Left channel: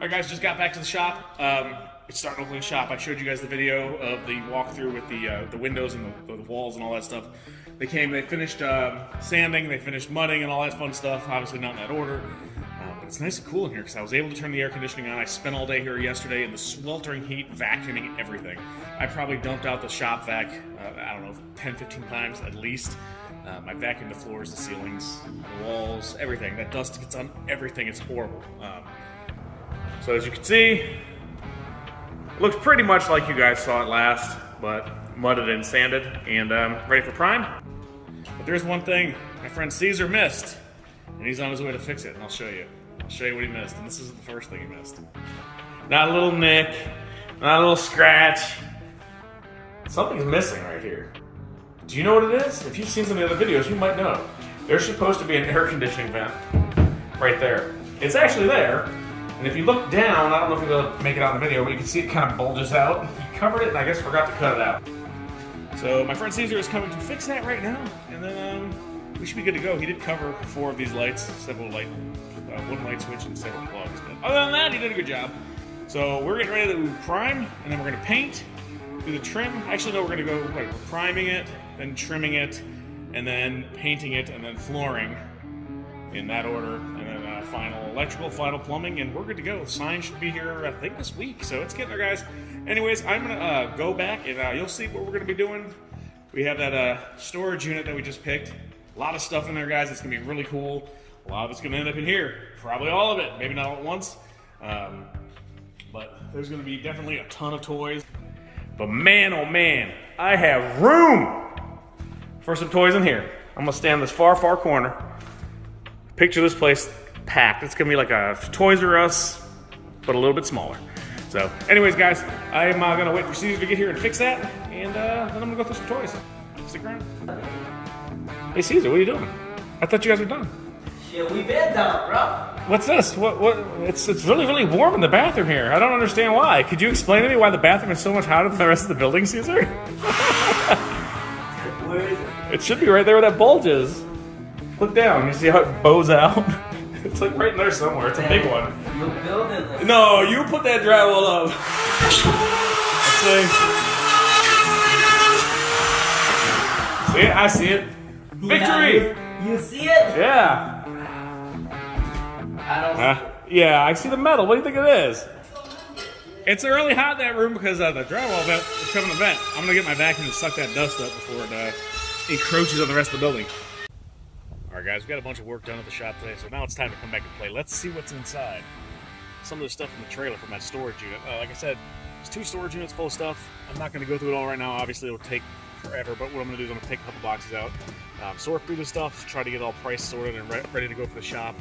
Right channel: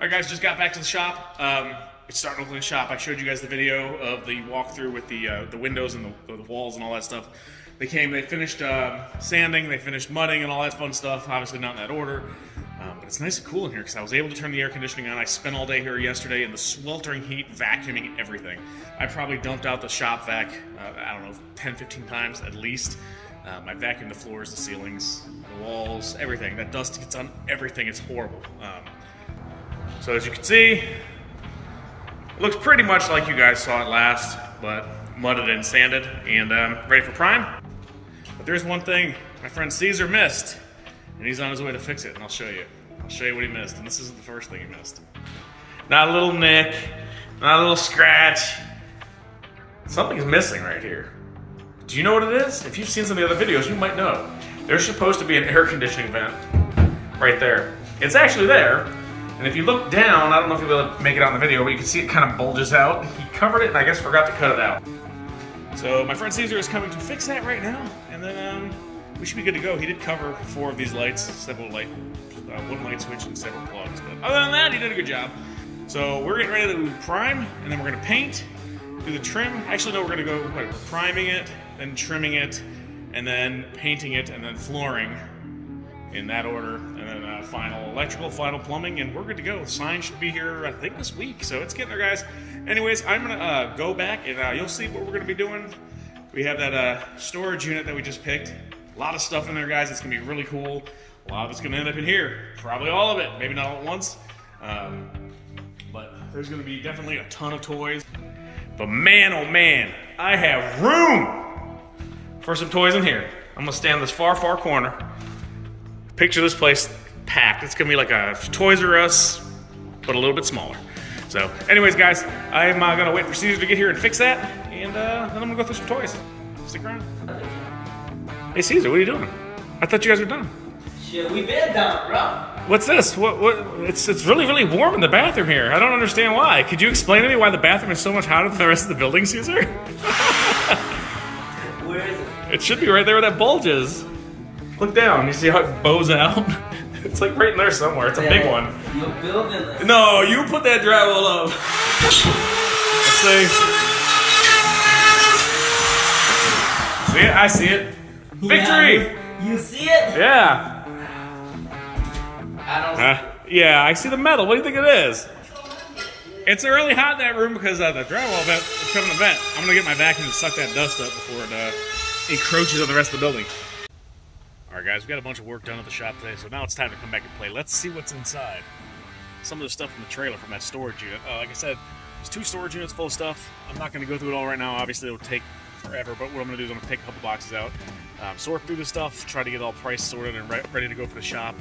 Alright guys, just got back to the shop. It's starting to look like a shop. I showed you guys the video of the walkthrough with the windows and the walls and all that stuff. They finished sanding, they finished mudding and all that fun stuff. Obviously not in that order. But it's nice and cool in here because I was able to turn the air conditioning on. I spent all day here yesterday in the sweltering heat vacuuming everything. I probably dumped out the shop vac, I don't know, 10, 15 times at least. I vacuumed the floors, the ceilings, the walls, everything. That dust gets on everything. It's horrible. So as you can see, it looks pretty much like you guys saw it last, but mudded and sanded and ready for prime. But there's one thing my friend Caesar missed, and he's on his way to fix it, and I'll show you. I'll show you what he missed, and this isn't the first thing he missed. Not a little nick, not a little scratch. Something's missing right here. Do you know what it is? If you've seen some of the other videos, you might know. There's supposed to be an air conditioning vent right there. It's actually there. And if you look down, I don't know if you'll be able to make it out in the video, but you can see it kind of bulges out. He covered it and I guess forgot to cut it out. So my friend Caesar is coming to fix that right now, and then we should be good to go. He did cover 4 of these lights, one light switch and several plugs. But other than that, he did a good job. So we're getting ready to prime, and then we're gonna paint, do the trim. Actually, no, we're gonna go, we're priming it, then trimming it, and then painting it, and then flooring in that order, and then final electrical, final plumbing, and we're good to go. Sign should be here, I think, this week, so it's getting there, guys. Anyways, I'm gonna go back, and you'll see what we're gonna be doing. We have that storage unit that we just picked. A lot of stuff in there, guys. It's gonna be really cool. A lot of it's gonna end up in here. Probably all of it, maybe not all at once. But there's gonna be definitely a ton of toys. But man, oh man, I have room for some toys in here. I'm gonna stand in this far, far corner. Picture this place packed. It's gonna be like a Toys R Us, but a little bit smaller. So anyways, guys, I'm gonna wait for Caesar to get here and fix that, and then I'm gonna go through some toys. Stick around. Hey Caesar, what are you doing? I thought you guys were done. Shit, we been done, bro. What's this? What? It's really, really warm in the bathroom here. I don't understand why. Could you explain to me why the bathroom is so much hotter than the rest of the building, Caesar? Where is it? It should be right there where that bulge is. Look down. You see how it bows out? It's like right in there somewhere. It's a big one. You're building this. No, you put that drywall up. Let's see. See it? I see it. Victory! Yeah, you see it? Yeah. I don't Yeah, I see the metal. What do you think it is? It's really hot in that room because the drywall vent is coming to vent. I'm gonna get my vacuum to suck that dust up before it encroaches on the rest of the building. Alright guys, we got a bunch of work done at the shop today, so now it's time to come back and play. Let's see what's inside. Some of the stuff from the trailer from that storage unit. Like I said, there's 2 storage units full of stuff. I'm not going to go through it all right now. Obviously, it'll take forever, but what I'm going to do is I'm going to take a couple boxes out, sort through the stuff, try to get it all price sorted and ready to go for the shop.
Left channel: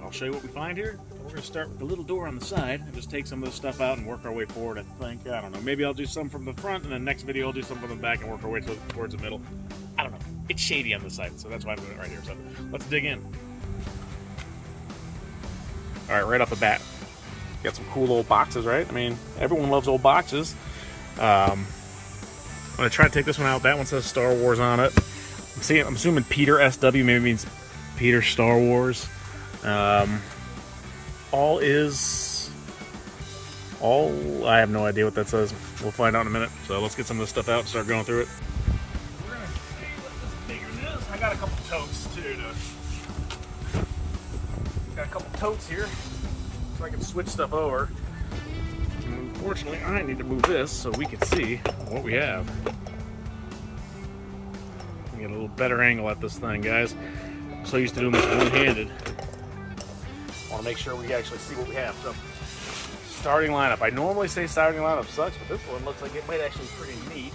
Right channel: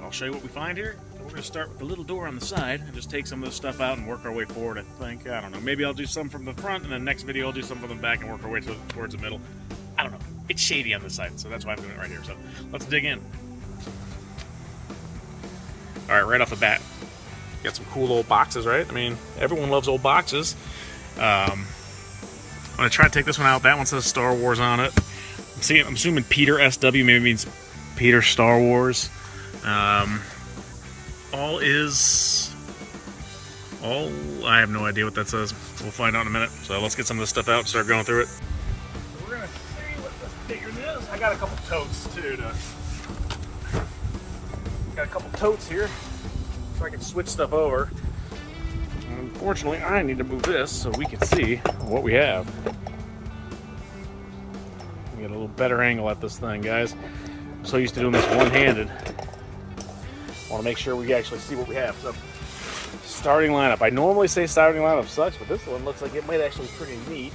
I'll show you what we find here. But we're going to start with the little door on the side and just take some of this stuff out and work our way forward, I think. I don't know. Maybe I'll do some from the front, and then next video I'll do some from the back and work our way towards the middle. I don't know. It's shady on this side, so that's why I'm doing it right here. So let's dig in. All right, right off the bat, got some cool old boxes, right? I mean, everyone loves old boxes. I'm gonna try to take this one out. That one says Star Wars on it. I'm assuming Peter SW maybe means Peter Star Wars. I have no idea what that says. We'll find out in a minute. So let's get some of this stuff out and start going through it. We're gonna see what this figure is. I got a couple totes too. Got a couple totes here, so I can switch stuff over. And unfortunately, I need to move this so we can see what we have. Get a little better angle at this thing, guys. I'm so used to doing this one-handed. I want to make sure we actually see what we have. So, starting lineup. I normally say starting lineup sucks, but this one looks like it might actually be pretty neat.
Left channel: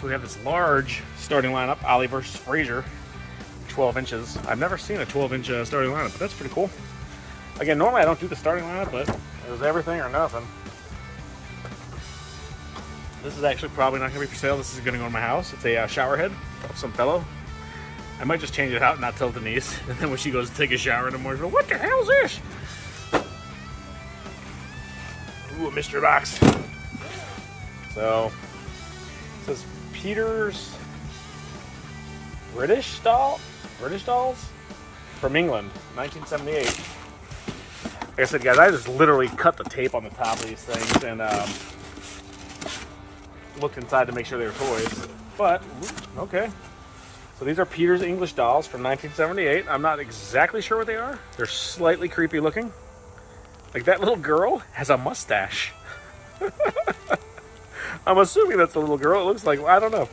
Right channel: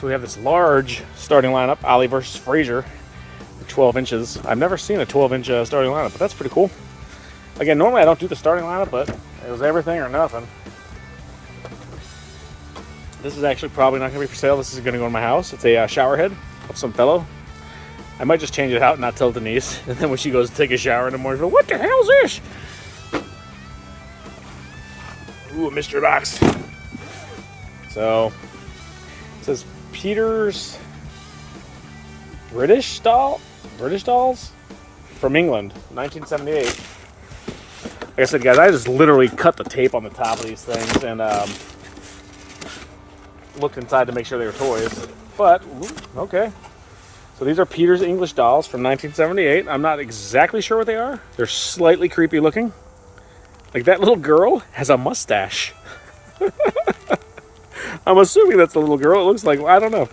So we have this large starting lineup, Ollie versus Frazier, 12 inches. I've never seen a 12-inch starting lineup, but that's pretty cool. Again, normally I don't do the starting lineup, but it was everything or nothing. This is actually probably not going to be for sale. This is going to go in my house. It's a shower head of some fellow. I might just change it out and not tell Denise. And then when she goes to take a shower in the morning, she'll go, what the hell is this? Ooh, a mystery box. So, it says Peter's British dolls from England, 1978. Like I said, guys, I just literally cut the tape on the top of these things and looked inside to make sure they were toys. But okay, so these are Peter's English dolls from 1978. I'm not exactly sure what they are. They're slightly creepy looking. Like that little girl has a mustache. I'm assuming that's the little girl. It looks like, I don't know.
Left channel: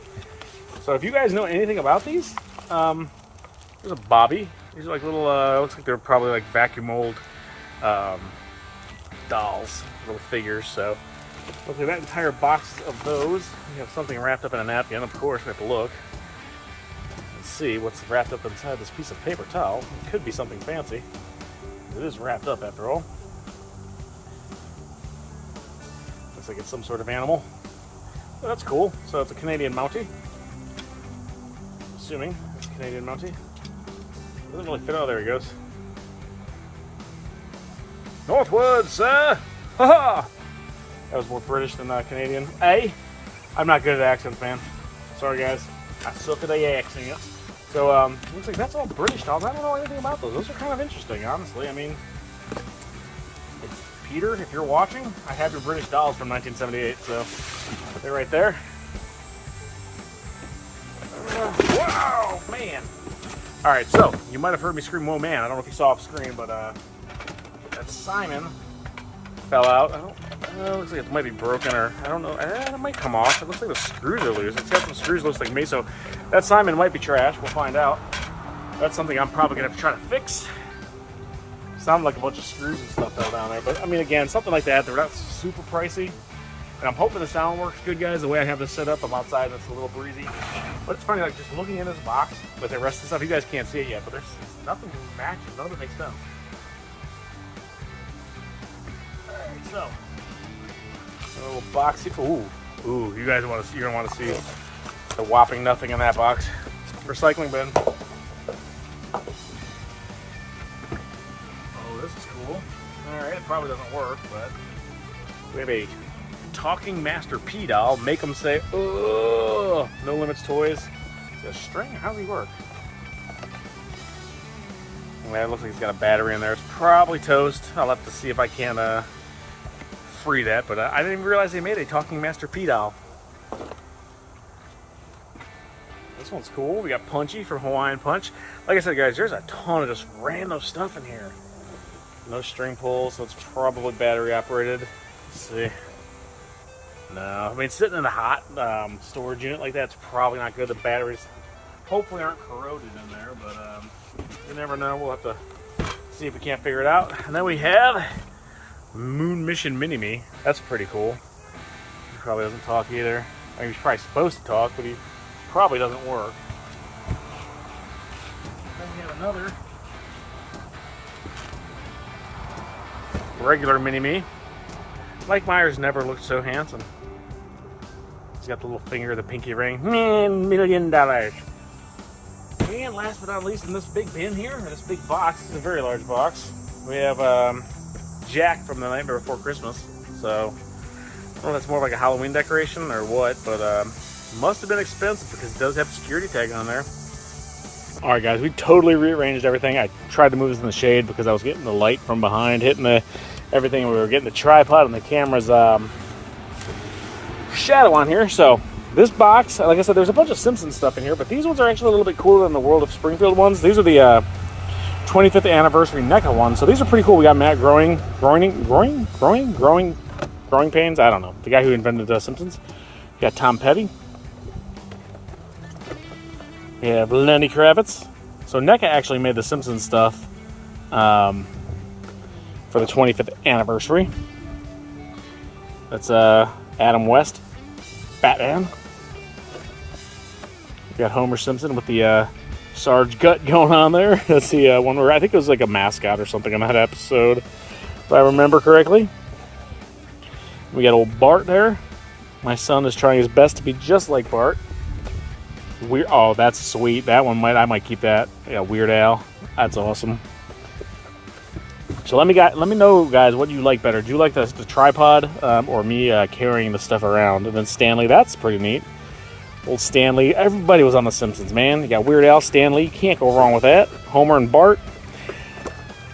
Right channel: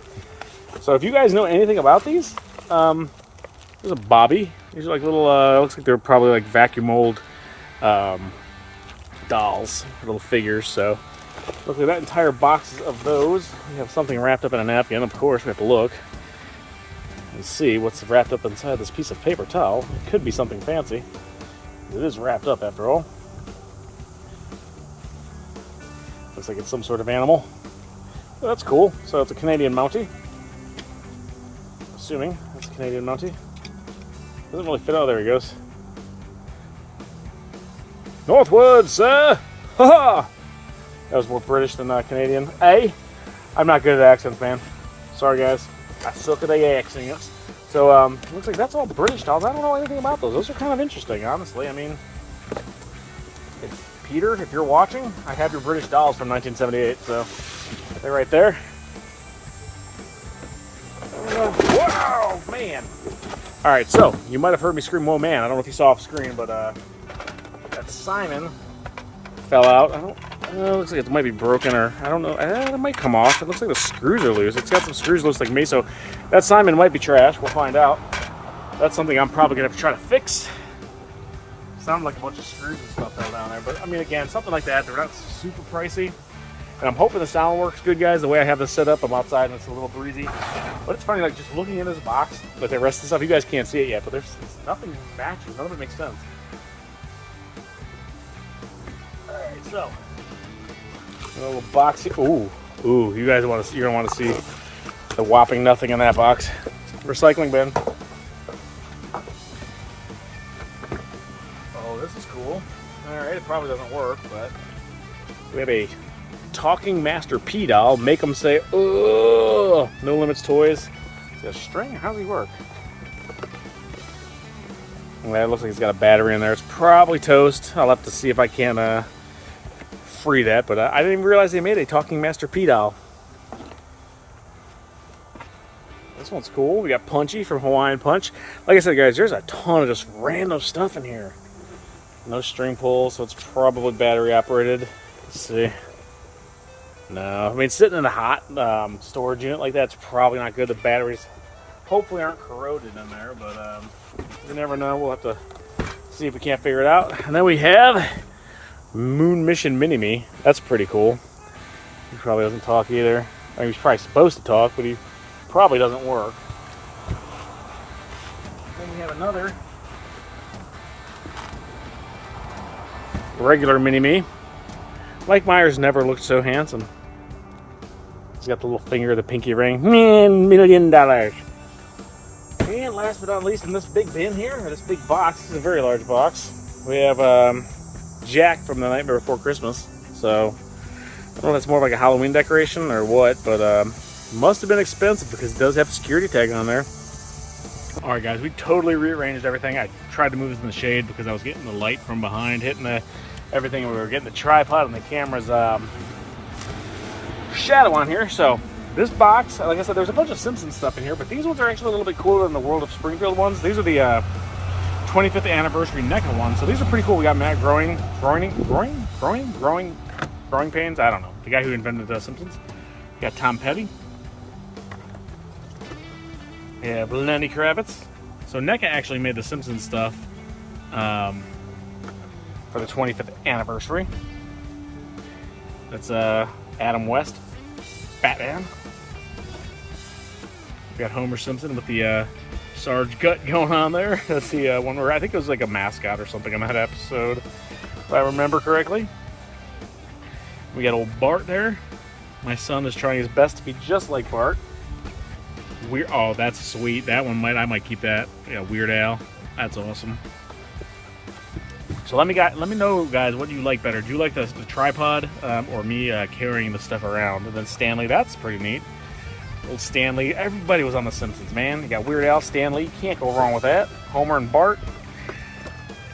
So if you guys know anything about these, there's a Bobby. These are like little, looks like they're probably like vacuum mold dolls, little figures. So look at that entire box of those. We have something wrapped up in a napkin. Of course, we have to look and see what's wrapped up inside this piece of paper towel. It could be something fancy. It is wrapped up after all. Looks like it's some sort of animal. Oh, that's cool. So it's a Canadian Mountie. Assuming that's a Canadian Mountie. Doesn't really fit. Oh, there he goes. Northwood, sir! Ha-ha! That was more British than Canadian. Hey, I'm not good at accents, man. Sorry, guys. I suck at the accents. So, looks like that's all British dolls. I don't know anything about those. Those are kind of interesting, honestly. I mean, Peter, if you're watching, I have your British dolls from 1978, so they're right there. Wow, man! Alright, so, you might have heard me scream, whoa, man. I don't know if you saw off screen, but, that Simon fell out. It looks like it might be broken, or I don't know. It might come off. It looks like the screws are loose. It's got some screws loose like me, so that Simon might be trash. We'll find out. That's something I'm probably going to have to try to fix. Sound like a bunch of screws and stuff down there, but I mean, again, something like that, they're not super pricey. And I'm hoping the sound works good, guys. The way I have this set up, I'm outside and it's a little breezy. But it's funny, like just looking in this box, like the rest of the stuff, you guys can't see it yet, but there's nothing matching. None of it makes sense. Alright, so a little box here. Ooh, you guys want to see? You're gonna want to see the whopping nothing in that box. Recycling bin. Oh, this is cool. All right, it probably doesn't work, but we have a talking Master P doll. Make them say, "Ugh." No Limits Toys. The string. How does he work? That looks like he's got a battery in there. It's probably toast. I'll have to see if I can free that, but I didn't even realize they made a talking Master P doll. This one's cool. We got Punchy from Hawaiian Punch. Like I said, guys, there's a ton of just random stuff in here. No string pull, so it's probably battery operated. Let's see. No, I mean, sitting in a hot storage unit like that's probably not good. The batteries hopefully aren't corroded in there, but you never know. We'll have to see if we can't figure it out. And then we have Moon Mission Mini-Me. That's pretty cool. He probably doesn't talk either. I mean, he's probably supposed to talk, but he probably doesn't work. Then we have another regular Mini-Me. Mike Myers never looked so handsome. He's got the little finger, the pinky ring. $1 million. And last but not least, in this big bin here, or this big box, this is a very large box, we have Jack from The Nightmare Before Christmas. So, I don't know if it's more like a Halloween decoration or what, but must have been expensive because it does have a security tag on there. Alright guys, we totally rearranged everything. I tried to move this in the shade because I was getting the light from behind, hitting everything. We were getting the tripod and the camera's shadow on here. So this box, like I said, there's a bunch of Simpsons stuff in here, but these ones are actually a little bit cooler than the World of Springfield ones. These are the 25th anniversary NECA ones, so these are pretty cool. We got Matt growing pains. I don't know, the guy who invented the Simpsons. We got Tom Petty. Yeah, Lenny Kravitz. So NECA actually made the Simpsons stuff for the 25th anniversary. That's Adam West, Batman. We got Homer Simpson with the Sarge gut going on there. That's the one where I think it was like a mascot or something in that episode, if I remember correctly. We got old Bart there. My son is trying his best to be just like Bart. Oh, that's sweet. That one I might keep that. I got Weird Al. That's awesome. So let me know, guys, what you like better. Do you like the tripod or me carrying the stuff around? And then Stanley, that's pretty neat. Old Stanley. Everybody was on The Simpsons, man. You got Weird Al, Stanley. Can't go wrong with that. Homer and Bart.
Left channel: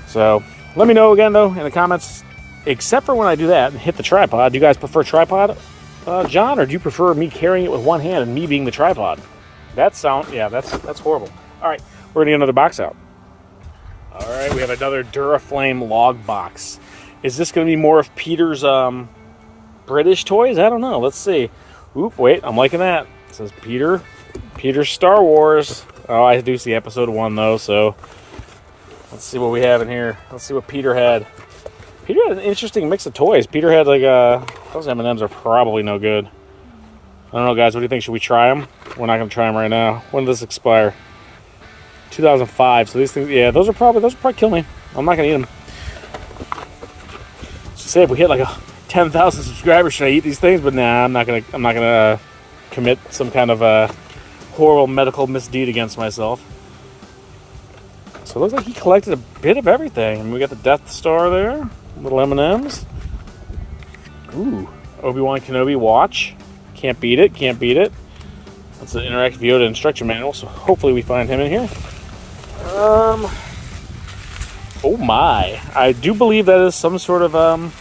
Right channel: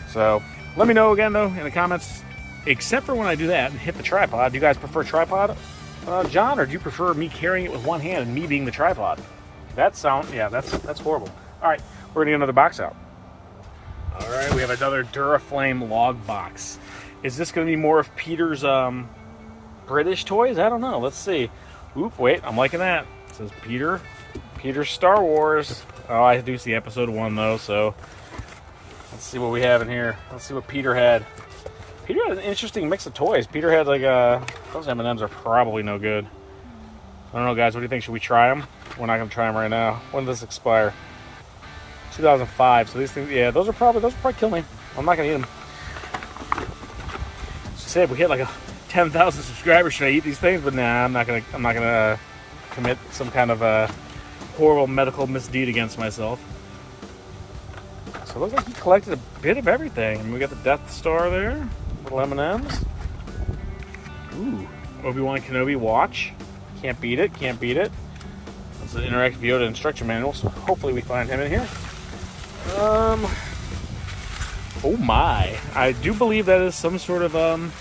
So, let me know again, though, in the comments. Except for when I do that and hit the tripod. Do you guys prefer tripod, John? Or do you prefer me carrying it with one hand and me being the tripod? That's horrible. All right, we're going to get another box out. All right, we have another Duraflame log box. Is this going to be more of Peter's British toys? I don't know. Let's see. Oop, wait, I'm liking that. It says Peter's Star Wars. Oh, I do see episode 1, though, so let's see what we have in here. Let's see what Peter had. Peter had an interesting mix of toys. Peter had, like, those M&Ms are probably no good. I don't know, guys. What do you think? Should we try them? We're not going to try them right now. When does this expire? 2005. So these things, yeah, those will probably kill me. I'm not going to eat them. So say if we hit, like, 10,000 subscribers, should I eat these things? But nah, I'm not gonna commit some kind of horrible medical misdeed against myself. So it looks like he collected a bit of everything. We got the Death Star there, little M&Ms. Ooh, Obi-Wan Kenobi watch. Can't beat it. Can't beat it. It's an interactive Yoda instruction manual, so hopefully we find him in here. Oh my! I do believe that is some sort of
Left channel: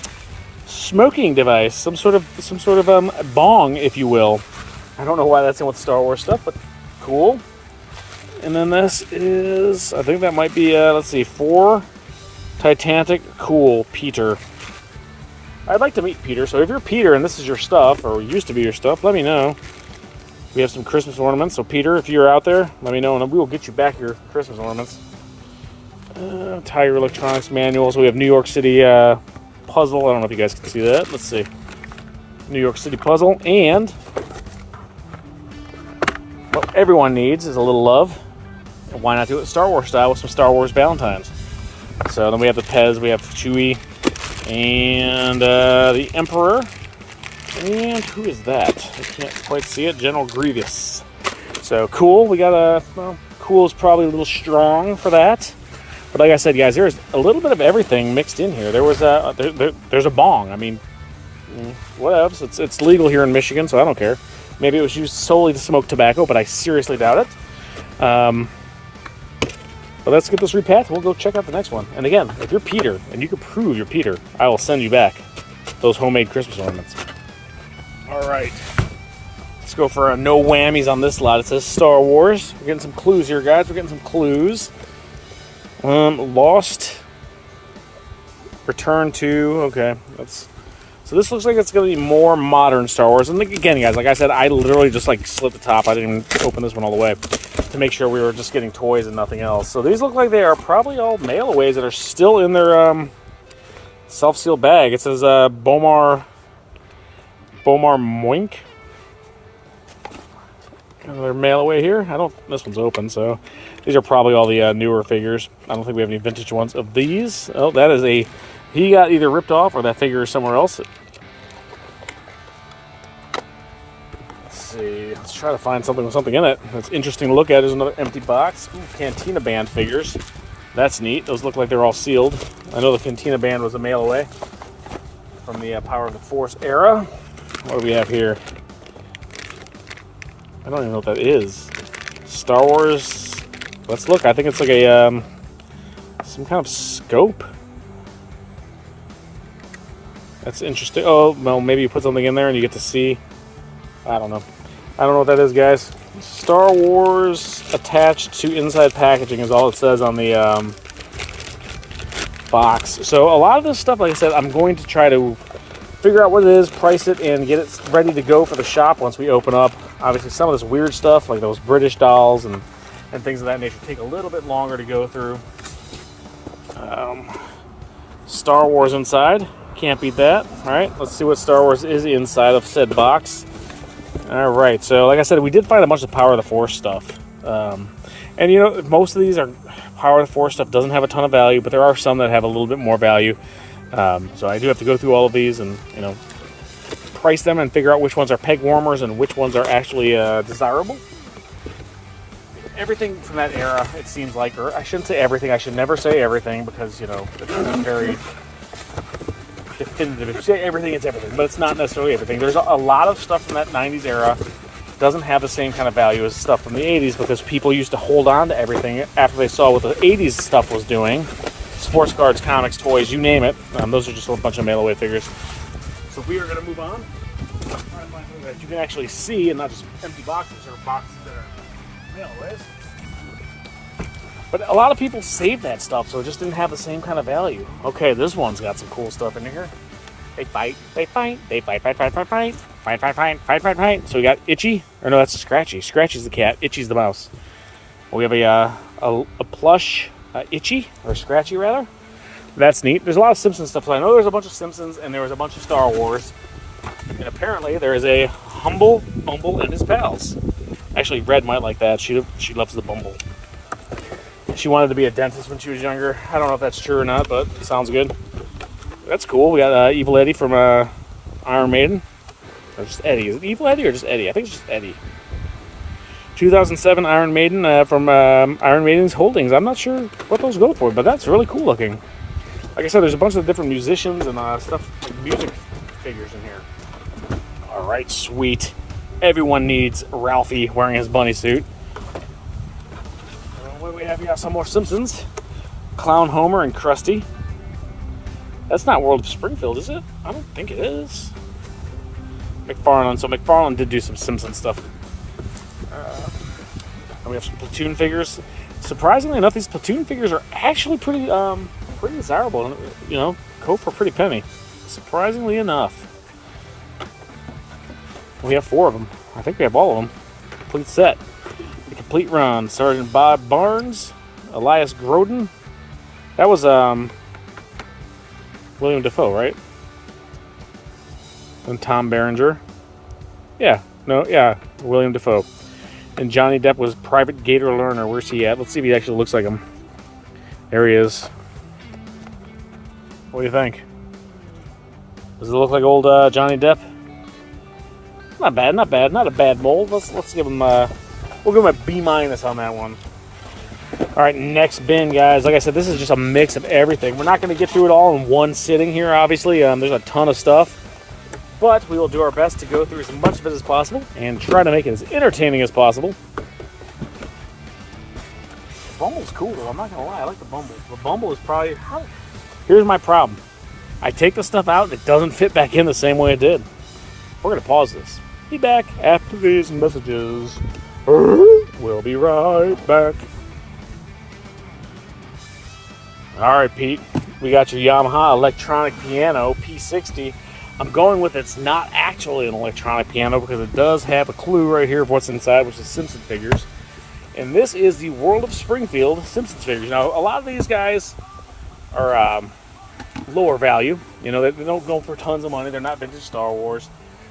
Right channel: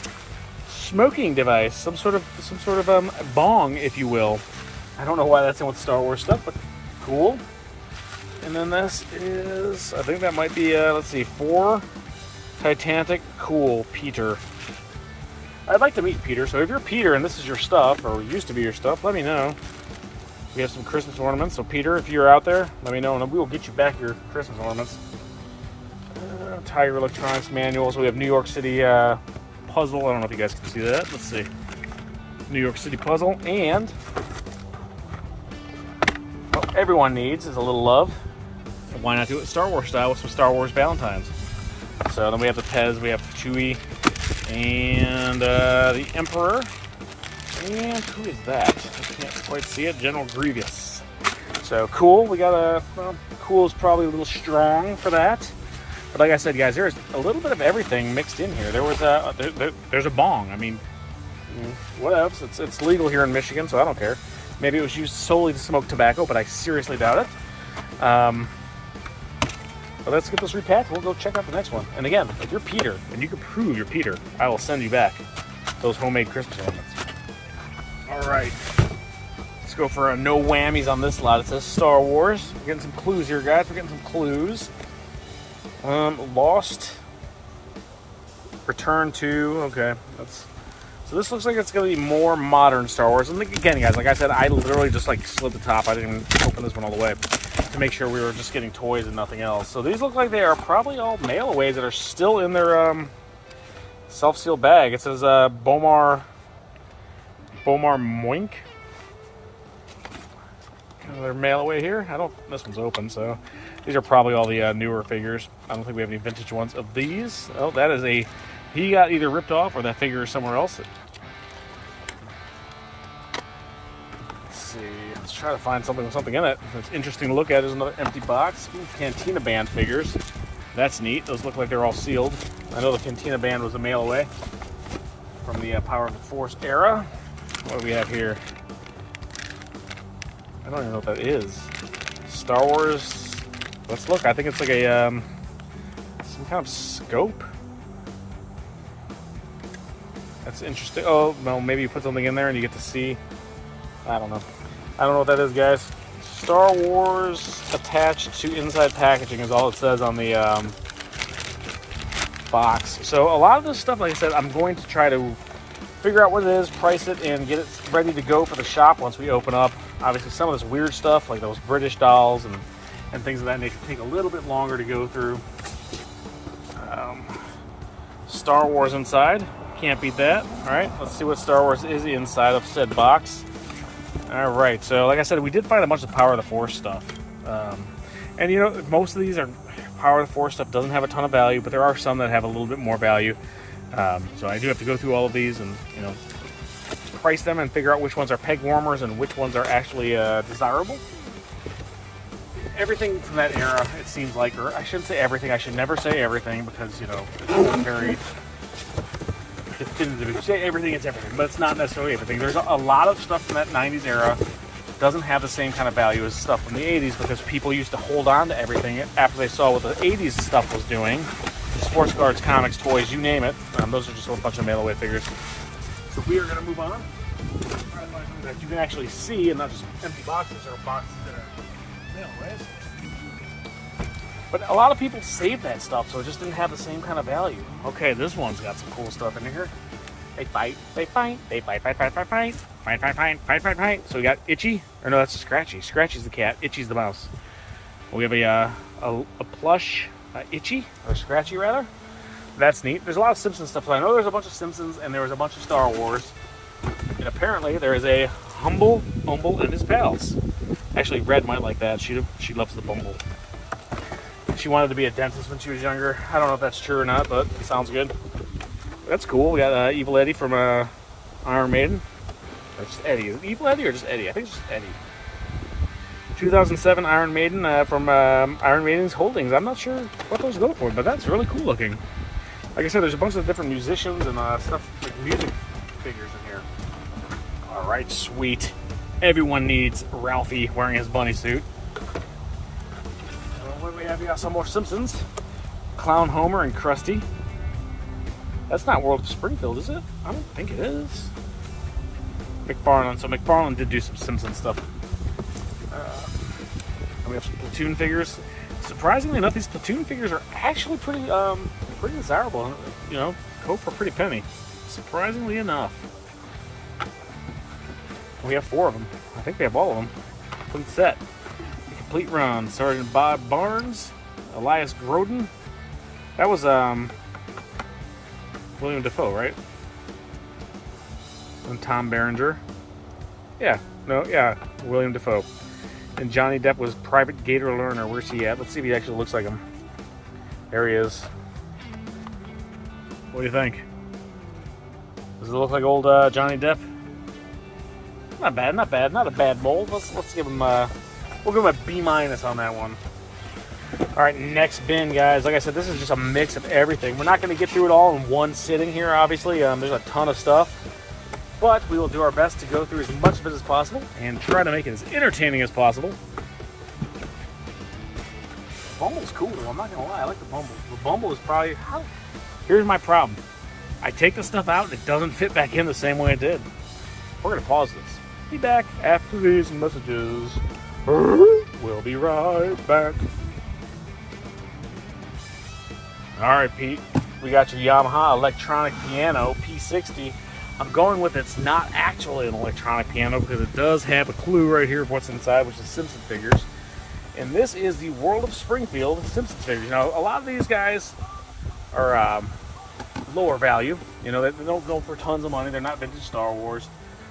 smoking device, some sort of bong, if you will. I don't know why that's in with Star Wars stuff, but cool. And then this is, I think that might be, let's see, 4 Titanic. Cool, Peter. I'd like to meet Peter, so if you're Peter and this is your stuff, or used to be your stuff, let me know. We have some Christmas ornaments, so Peter, if you're out there, let me know, and we will get you back your Christmas ornaments. Tiger Electronics manuals. We have New York City puzzle. I don't know if you guys can see that. Let's see. New York City puzzle, and what everyone needs is a little love. Why not do it Star Wars style with some Star Wars Valentines? So then we have the Pez, we have Chewie, and the Emperor. And who is that? I can't quite see it. General Grievous. So cool. We got well, cool is probably a little strong for that. But like I said, guys, there's a little bit of everything mixed in here. There was there's a bong. I mean, whatever. It's legal here in Michigan, so I don't care. Maybe it was used solely to smoke tobacco, but I seriously doubt it. But let's get this repacked. We'll go check out the next one. And again, if you're Peter and you can prove you're Peter, I will send you back those homemade Christmas ornaments. All right. Let's go for no whammies on this lot. It says Star Wars. We're getting some clues here, guys. We're getting some clues. Lost. Return to. Okay. So this looks like it's going to be more modern Star Wars. And again, guys, like I said, I literally just like slit the top. I didn't even open this one all the way to make sure we were just getting toys and nothing else. So these look like they are probably all mail-aways that are still in their self-sealed bag. It says Bomar Moink. Another mail away here. This one's open, so these are probably all the newer figures. I don't think we have any vintage ones of these. Oh, that is he got either ripped off or that figure is somewhere else. Let's see. Let's try to find something with something in it. What's interesting to look at is another empty box. Cantina Band figures. That's neat. Those look like they're all sealed. I know the Cantina Band was a mail away from the Power of the Force era. What do we have here? I don't even know what that is. Star Wars. Let's look. I think it's like a some kind of scope. That's interesting. Oh, well, maybe you put something in there and you get to see. I don't know. I don't know what that is, guys. Star Wars attached to inside packaging is all it says on the box. So a lot of this stuff, like I said, I'm going to try to figure out what it is, price it, and get it ready to go for the shop once we open up. Obviously, some of this weird stuff, like those British dolls and things of that nature, take a little bit longer to go through. Star Wars inside. Can't beat that. All right, let's see what Star Wars is inside of said box. All right, so like I said, we did find a bunch of Power of the Force stuff. And, you know, most of these are Power of the Force stuff doesn't have a ton of value, but there are some that have a little bit more value. So I do have to go through all of these and, you know, price them and figure out which ones are peg warmers and which ones are actually desirable. Everything from that era, it seems like, or I shouldn't say everything. I should never say everything because, you know, it's not very definitive. If you say everything, it's everything, but it's not necessarily everything. There's a lot of stuff from that 90s era doesn't have the same kind of value as stuff from the 80s because people used to hold on to everything after they saw what the 80s stuff was doing. Sports cards, comics, toys, you name it. Those are just a bunch of mail-away figures. So we are going to move on. That you can actually see and not just empty boxes or boxes that are mail-away. But a lot of people saved that stuff, so it just didn't have the same kind of value. Okay, this one's got some cool stuff in here. They fight, they fight, they fight, fight, fight, fight, fight, fight, fight, fight, fight, fight, fight. So we got Itchy, or no, that's Scratchy. Scratchy's the cat, Itchy's the mouse. We have a plush Itchy, or Scratchy rather. That's neat. There's a lot of Simpsons stuff. So I know there's a bunch of Simpsons, and there was a bunch of Star Wars. And apparently there is a Humble Bumble and his pals. Actually, Red might like that. She loves the Bumble. She wanted to be a dentist when she was younger. I don't know if that's true or not, but it sounds good. That's cool. We got Evil Eddie from Iron Maiden. Or just Eddie. Is it Evil Eddie or just Eddie? I think it's just Eddie. 2007 Iron Maiden from Iron Maiden's Holdings. I'm not sure what those go for, but that's really cool looking. Like I said, there's a bunch of different musicians and stuff, like music figures in here. All right, sweet. Everyone needs Ralphie wearing his bunny suit. What do we have here? Some more Simpsons. Clown Homer and Krusty. That's not World of Springfield, is it? I don't think it is. McFarlane. So McFarlane did do some Simpsons stuff. And we have some Platoon figures. Surprisingly enough, these Platoon figures are actually pretty desirable. You know, go for a pretty penny. Surprisingly enough. We have 4 of them. I think we have all of them. Complete set. The complete run. Sergeant Bob Barnes, Elias Grodin. That was William Dafoe, right? And Tom Berenger. Yeah, William Dafoe. And Johnny Depp was Private Gator Lerner. Where's he at? Let's see if he actually looks like him. There he is. What do you think? Does it look like old Johnny Depp? Not bad, not bad. Not a bad mold. Let's give him we'll give him a B- on that one. All right, next bin, guys. Like I said, this is just a mix of everything. We're not going to get through it all in one sitting here, obviously. There's a ton of stuff. But we will do our best to go through as much of it as possible and try to make it as entertaining as possible. The Bumble's cool, though. I'm not going to lie. I like the Bumble. The Bumble is probably... Here's my problem. I take the stuff out that doesn't fit back in the same way it did. We're going to pause this. Be back after these messages. We'll be right back. All right, Pete. We got your Yamaha electronic piano P60. I'm going with it's not actually an electronic piano because it does have a clue right here of what's inside, which is Simpson figures. And this is the World of Springfield Simpsons figures. Now, a lot of these guys are lower value. You know, they don't go for tons of money. They're not vintage Star Wars.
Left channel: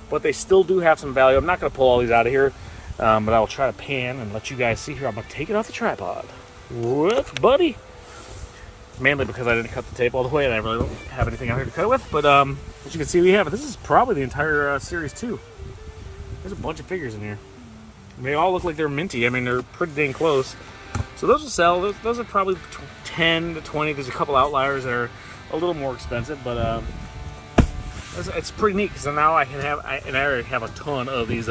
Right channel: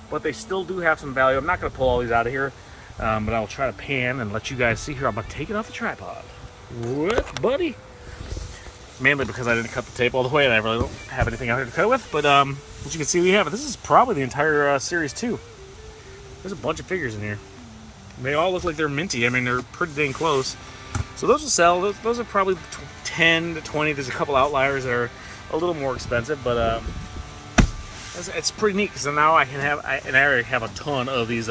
But they still do have some value. I'm not going to pull all these out of here. But I'll try to pan and let you guys see here. I'm going to take it off the tripod. What, buddy? Mainly because I didn't cut the tape all the way and I really don't have anything out here to cut it with. But as you can see, we have it. This is probably the entire Series 2. There's a bunch of figures in here. They all look like they're minty. I mean, they're pretty dang close. So those will sell. Those are probably 10 to 20. There's a couple outliers that are a little more expensive. But it's pretty neat because now I already have a ton of these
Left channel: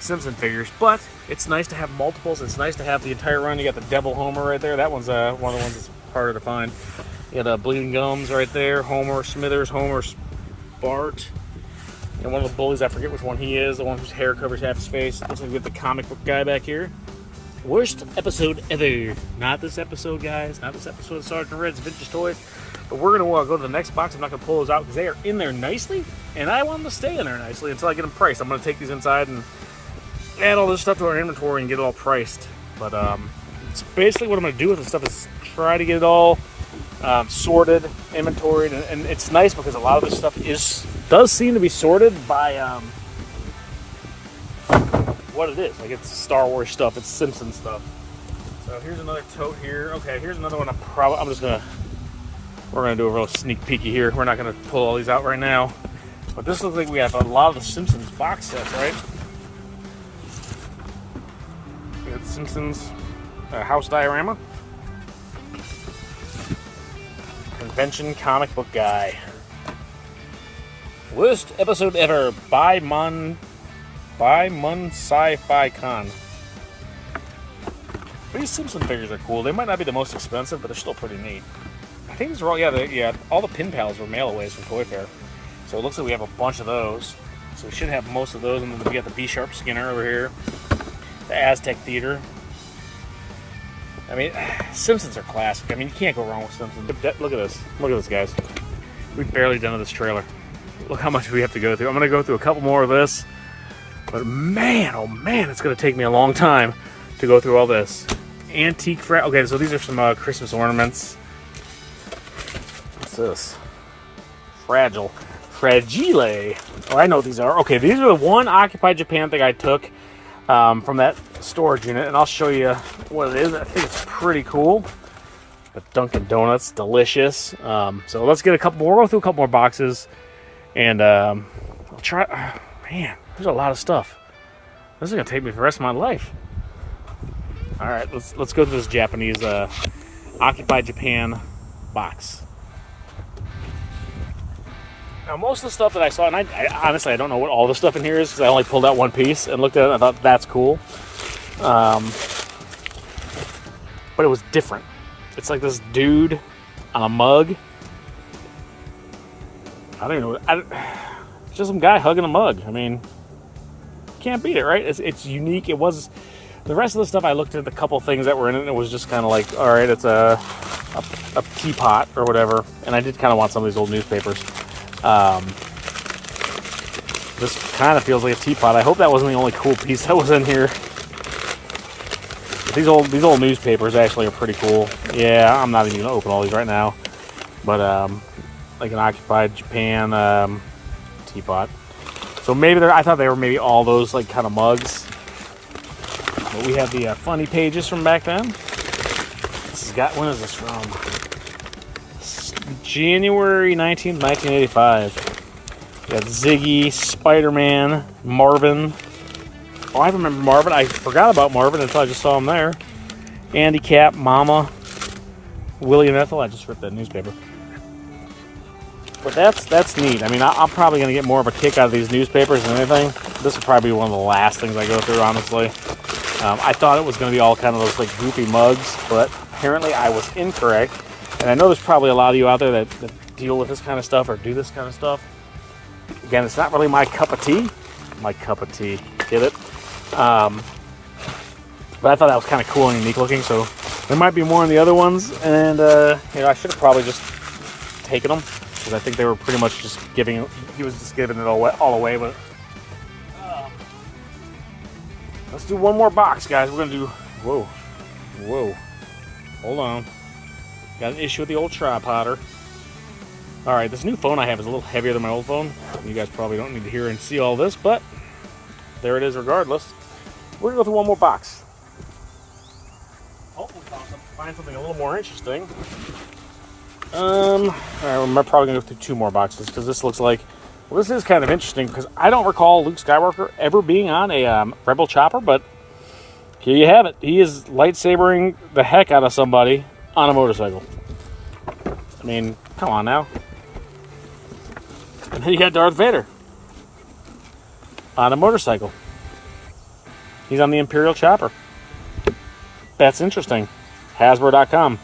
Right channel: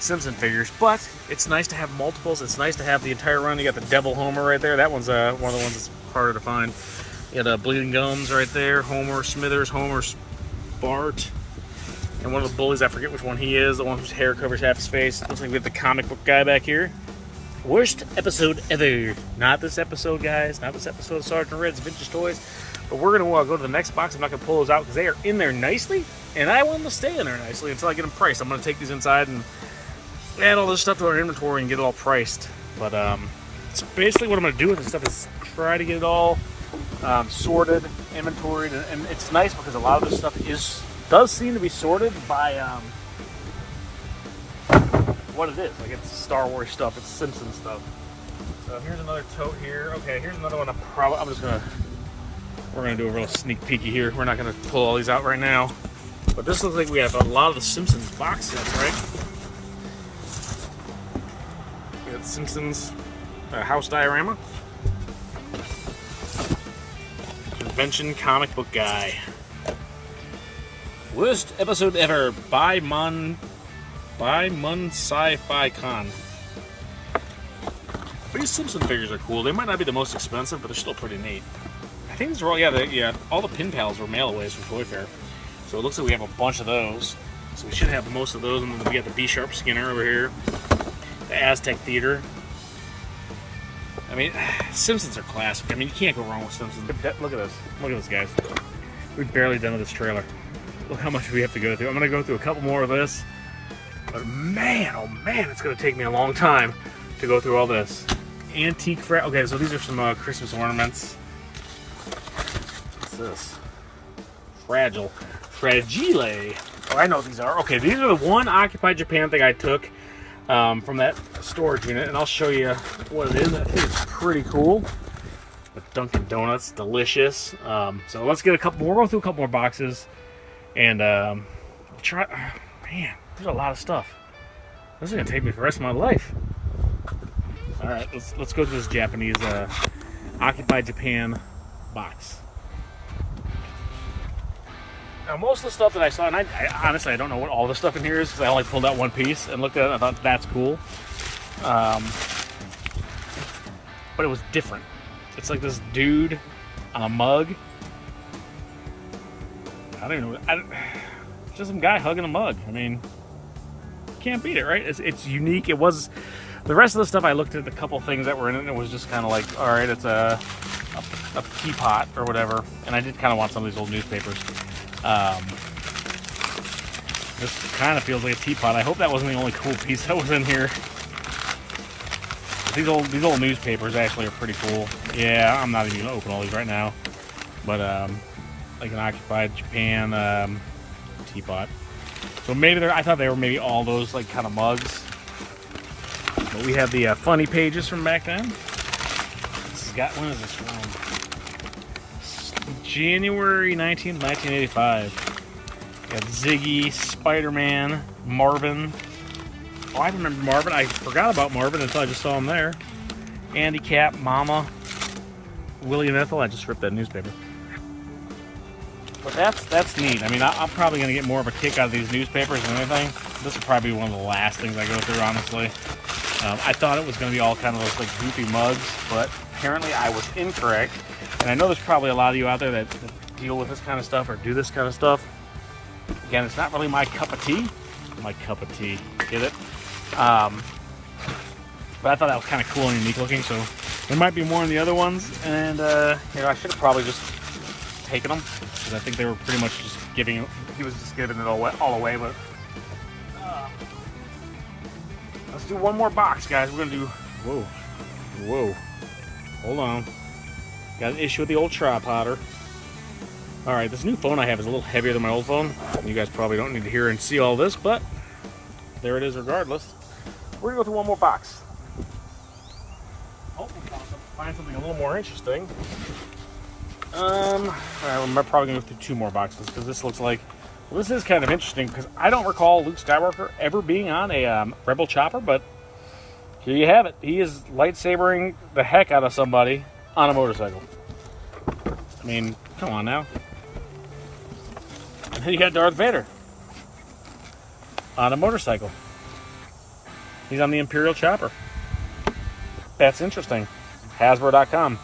Simpson figures. But it's nice to have multiples. It's nice to have the entire run. You got the Devil Homer right there. That one's one of the ones that's harder to find. You got Bleeding Gums right there. Homer Smithers, Homer Bart. And one of the bullies, I forget which one he is, the one whose hair covers half his face. Looks like we have the comic book guy back here. Worst episode ever. Not this episode, guys. Not this episode of Sergeant Red's Vintage Toys. But we're going to go to the next box. I'm not going to pull those out because they are in there nicely. And I want them to stay in there nicely until I get them priced. I'm going to take these inside and add all this stuff to our inventory and get it all priced. But so basically what I'm going to do with this stuff is try to get it all sorted, inventoried. And it's nice because a lot of this stuff does seem to be sorted by what it is. Like it's Star Wars stuff, it's Simpsons stuff. So here's another tote here. Okay, here's another one. We're gonna do a real sneak peeky here. We're not gonna pull all these out right now. But this looks like we have a lot of the Simpsons box sets, right? We got Simpsons house diorama. Convention comic book guy. Worst episode ever by By Mun Sci-Fi Con. These Simpson figures are cool. They might not be the most expensive, but they're still pretty neat. I think these are all, yeah, all the pin pals were mail-aways from Toy Fair. So it looks like we have a bunch of those. So we should have most of those, and then we got the B-Sharp Skinner over here. The Aztec Theater. I mean, Simpsons are classic. I mean, you can't go wrong with Simpsons. Look at this. Look at this, guys. We've barely done this trailer. Look how much we have to go through. I'm going to go through a couple more of this. But man, oh man, it's going to take me a long time to go through all this. Antique okay, so these are some Christmas ornaments. What's this? Fragile. Fragile. Oh, I know what these are. Okay, these are the one Occupy Japan thing I took from that storage unit, and I'll show you what it is. I think it's pretty cool. The Dunkin' Donuts, delicious. So let's get a couple more. We'll go through a couple more boxes, and I'll try. Man, there's a lot of stuff. This is gonna take me for the rest of my life. All right, let's go to this Japanese Occupy Japan box. Now, most of the stuff that I saw, and I honestly, I don't know what all the stuff in here is, because I only pulled out one piece and looked at it and I thought, that's cool. But it was different. It's like this dude on a mug. I don't even know. It's just some guy hugging a mug. I mean, can't beat it, right? It's unique. It was... The rest of the stuff, I looked at the couple things that were in it, and it was just kind of like, all right, it's a teapot or whatever. And I did kind of want some of these old newspapers. This kind of feels like a teapot. I hope that wasn't the only cool piece that was in here. These old newspapers actually are pretty cool. Yeah, I'm not even gonna open all these right now. But like an Occupied Japan teapot. So maybe I thought they were maybe all those like kind of mugs. But we have the funny pages from back then. When is this from? January 19th, 1985. We got Ziggy, Spider-Man, Marvin. Oh, I remember Marvin. I forgot about Marvin until I just saw him there. Andy Cap, Mama, Willie and Ethel. I just ripped that newspaper. But that's neat. I mean, I'm probably going to get more of a kick out of these newspapers than anything. This will probably be one of the last things I go through, honestly. I thought it was going to be all kind of those like goofy mugs, but apparently I was incorrect. And I know there's probably a lot of you out there that deal with this kind of stuff or do this kind of stuff. Again, it's not really my cup of tea. My cup of tea. Get it? But I thought that was kind of cool and unique looking, so there might be more in the other ones. And, you know, I should have probably just taken them, because I think they were pretty much just giving, he was just giving it all away, but... Let's do one more box, guys. We're going to do... Whoa. Hold on. Got an issue with the old tripoder. Alright, this new phone I have is a little heavier than my old phone. You guys probably don't need to hear and see all this, but there it is regardless. We're going to go through one more box. Hopefully we'll find something a little more interesting. I'm probably going to go through two more boxes, because this looks like... Well, this is kind of interesting, because I don't recall Luke Skywalker ever being on a Rebel chopper, but here you have it. He is lightsabering the heck out of somebody on a motorcycle. I mean, come on now. And then you got Darth Vader on a motorcycle. He's on the Imperial chopper. That's interesting. Hasbro.com.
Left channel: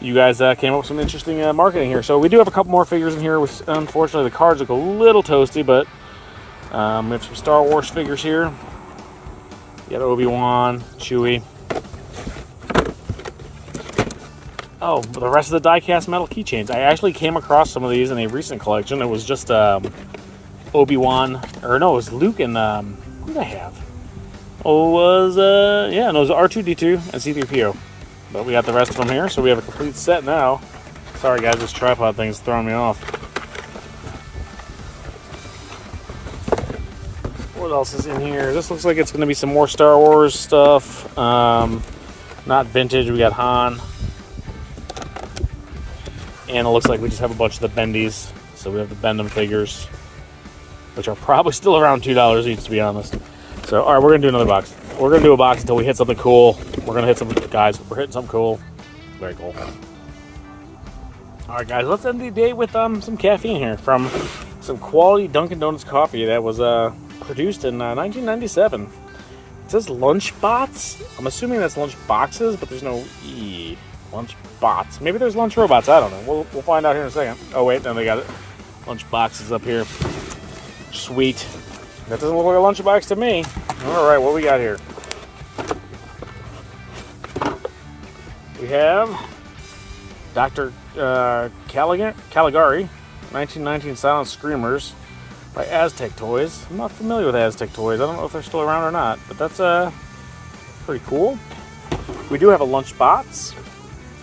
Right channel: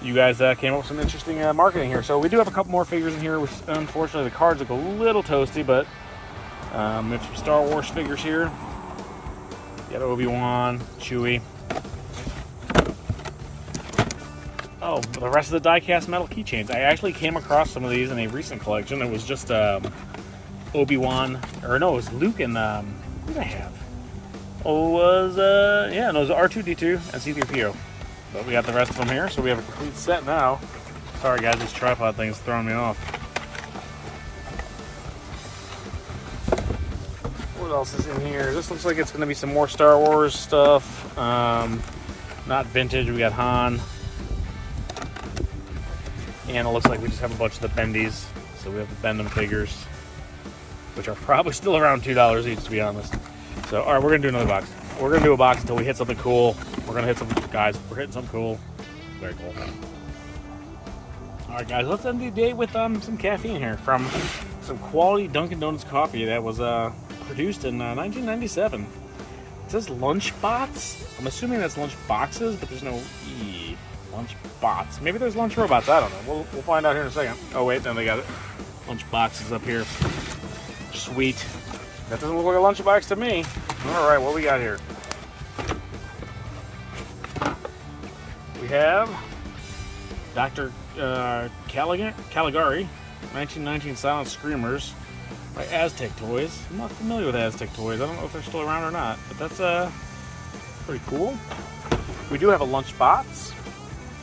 You guys came up with some interesting marketing here. So we do have a couple more figures in here. Unfortunately, the cards look a little toasty, but we have some Star Wars figures here. You got Obi-Wan, Chewie. Oh, the rest of the die-cast metal keychains. I actually came across some of these in a recent collection. It was just Obi-Wan, or no, it was Luke and who did I have? Oh, it was yeah, no, it was R2-D2 and C-3PO. But we got the rest of them here, so we have a complete set now. Sorry guys, this tripod thing's throwing me off. What else is in here? This looks like it's going to be some more Star Wars stuff. Not vintage, we got Han. And it looks like we just have a bunch of the bendies. So we have the Bend 'em figures, which are probably still around $2 each, to be honest. So, alright, we're going to do another box. We're going to do a box until we hit something cool. We're going to hit some, guys, we're hitting something cool. Very cool. Alright, guys, let's end the day with some caffeine here from some quality Dunkin' Donuts coffee that was produced in 1997. It says Lunchbox. I'm assuming that's lunch boxes, but there's no E. Lunchbots. Maybe there's lunch robots. I don't know. We'll find out here in a second. Oh wait, no, they got it. Lunch boxes up here. Sweet. That doesn't look like a lunchbox to me. All right, what we got here? We have Dr. Caligari, 1919 Silent Screamers by Aztec Toys. I'm not familiar with Aztec Toys. I don't know if they're still around or not, but that's pretty cool. We do have a Lunchbox.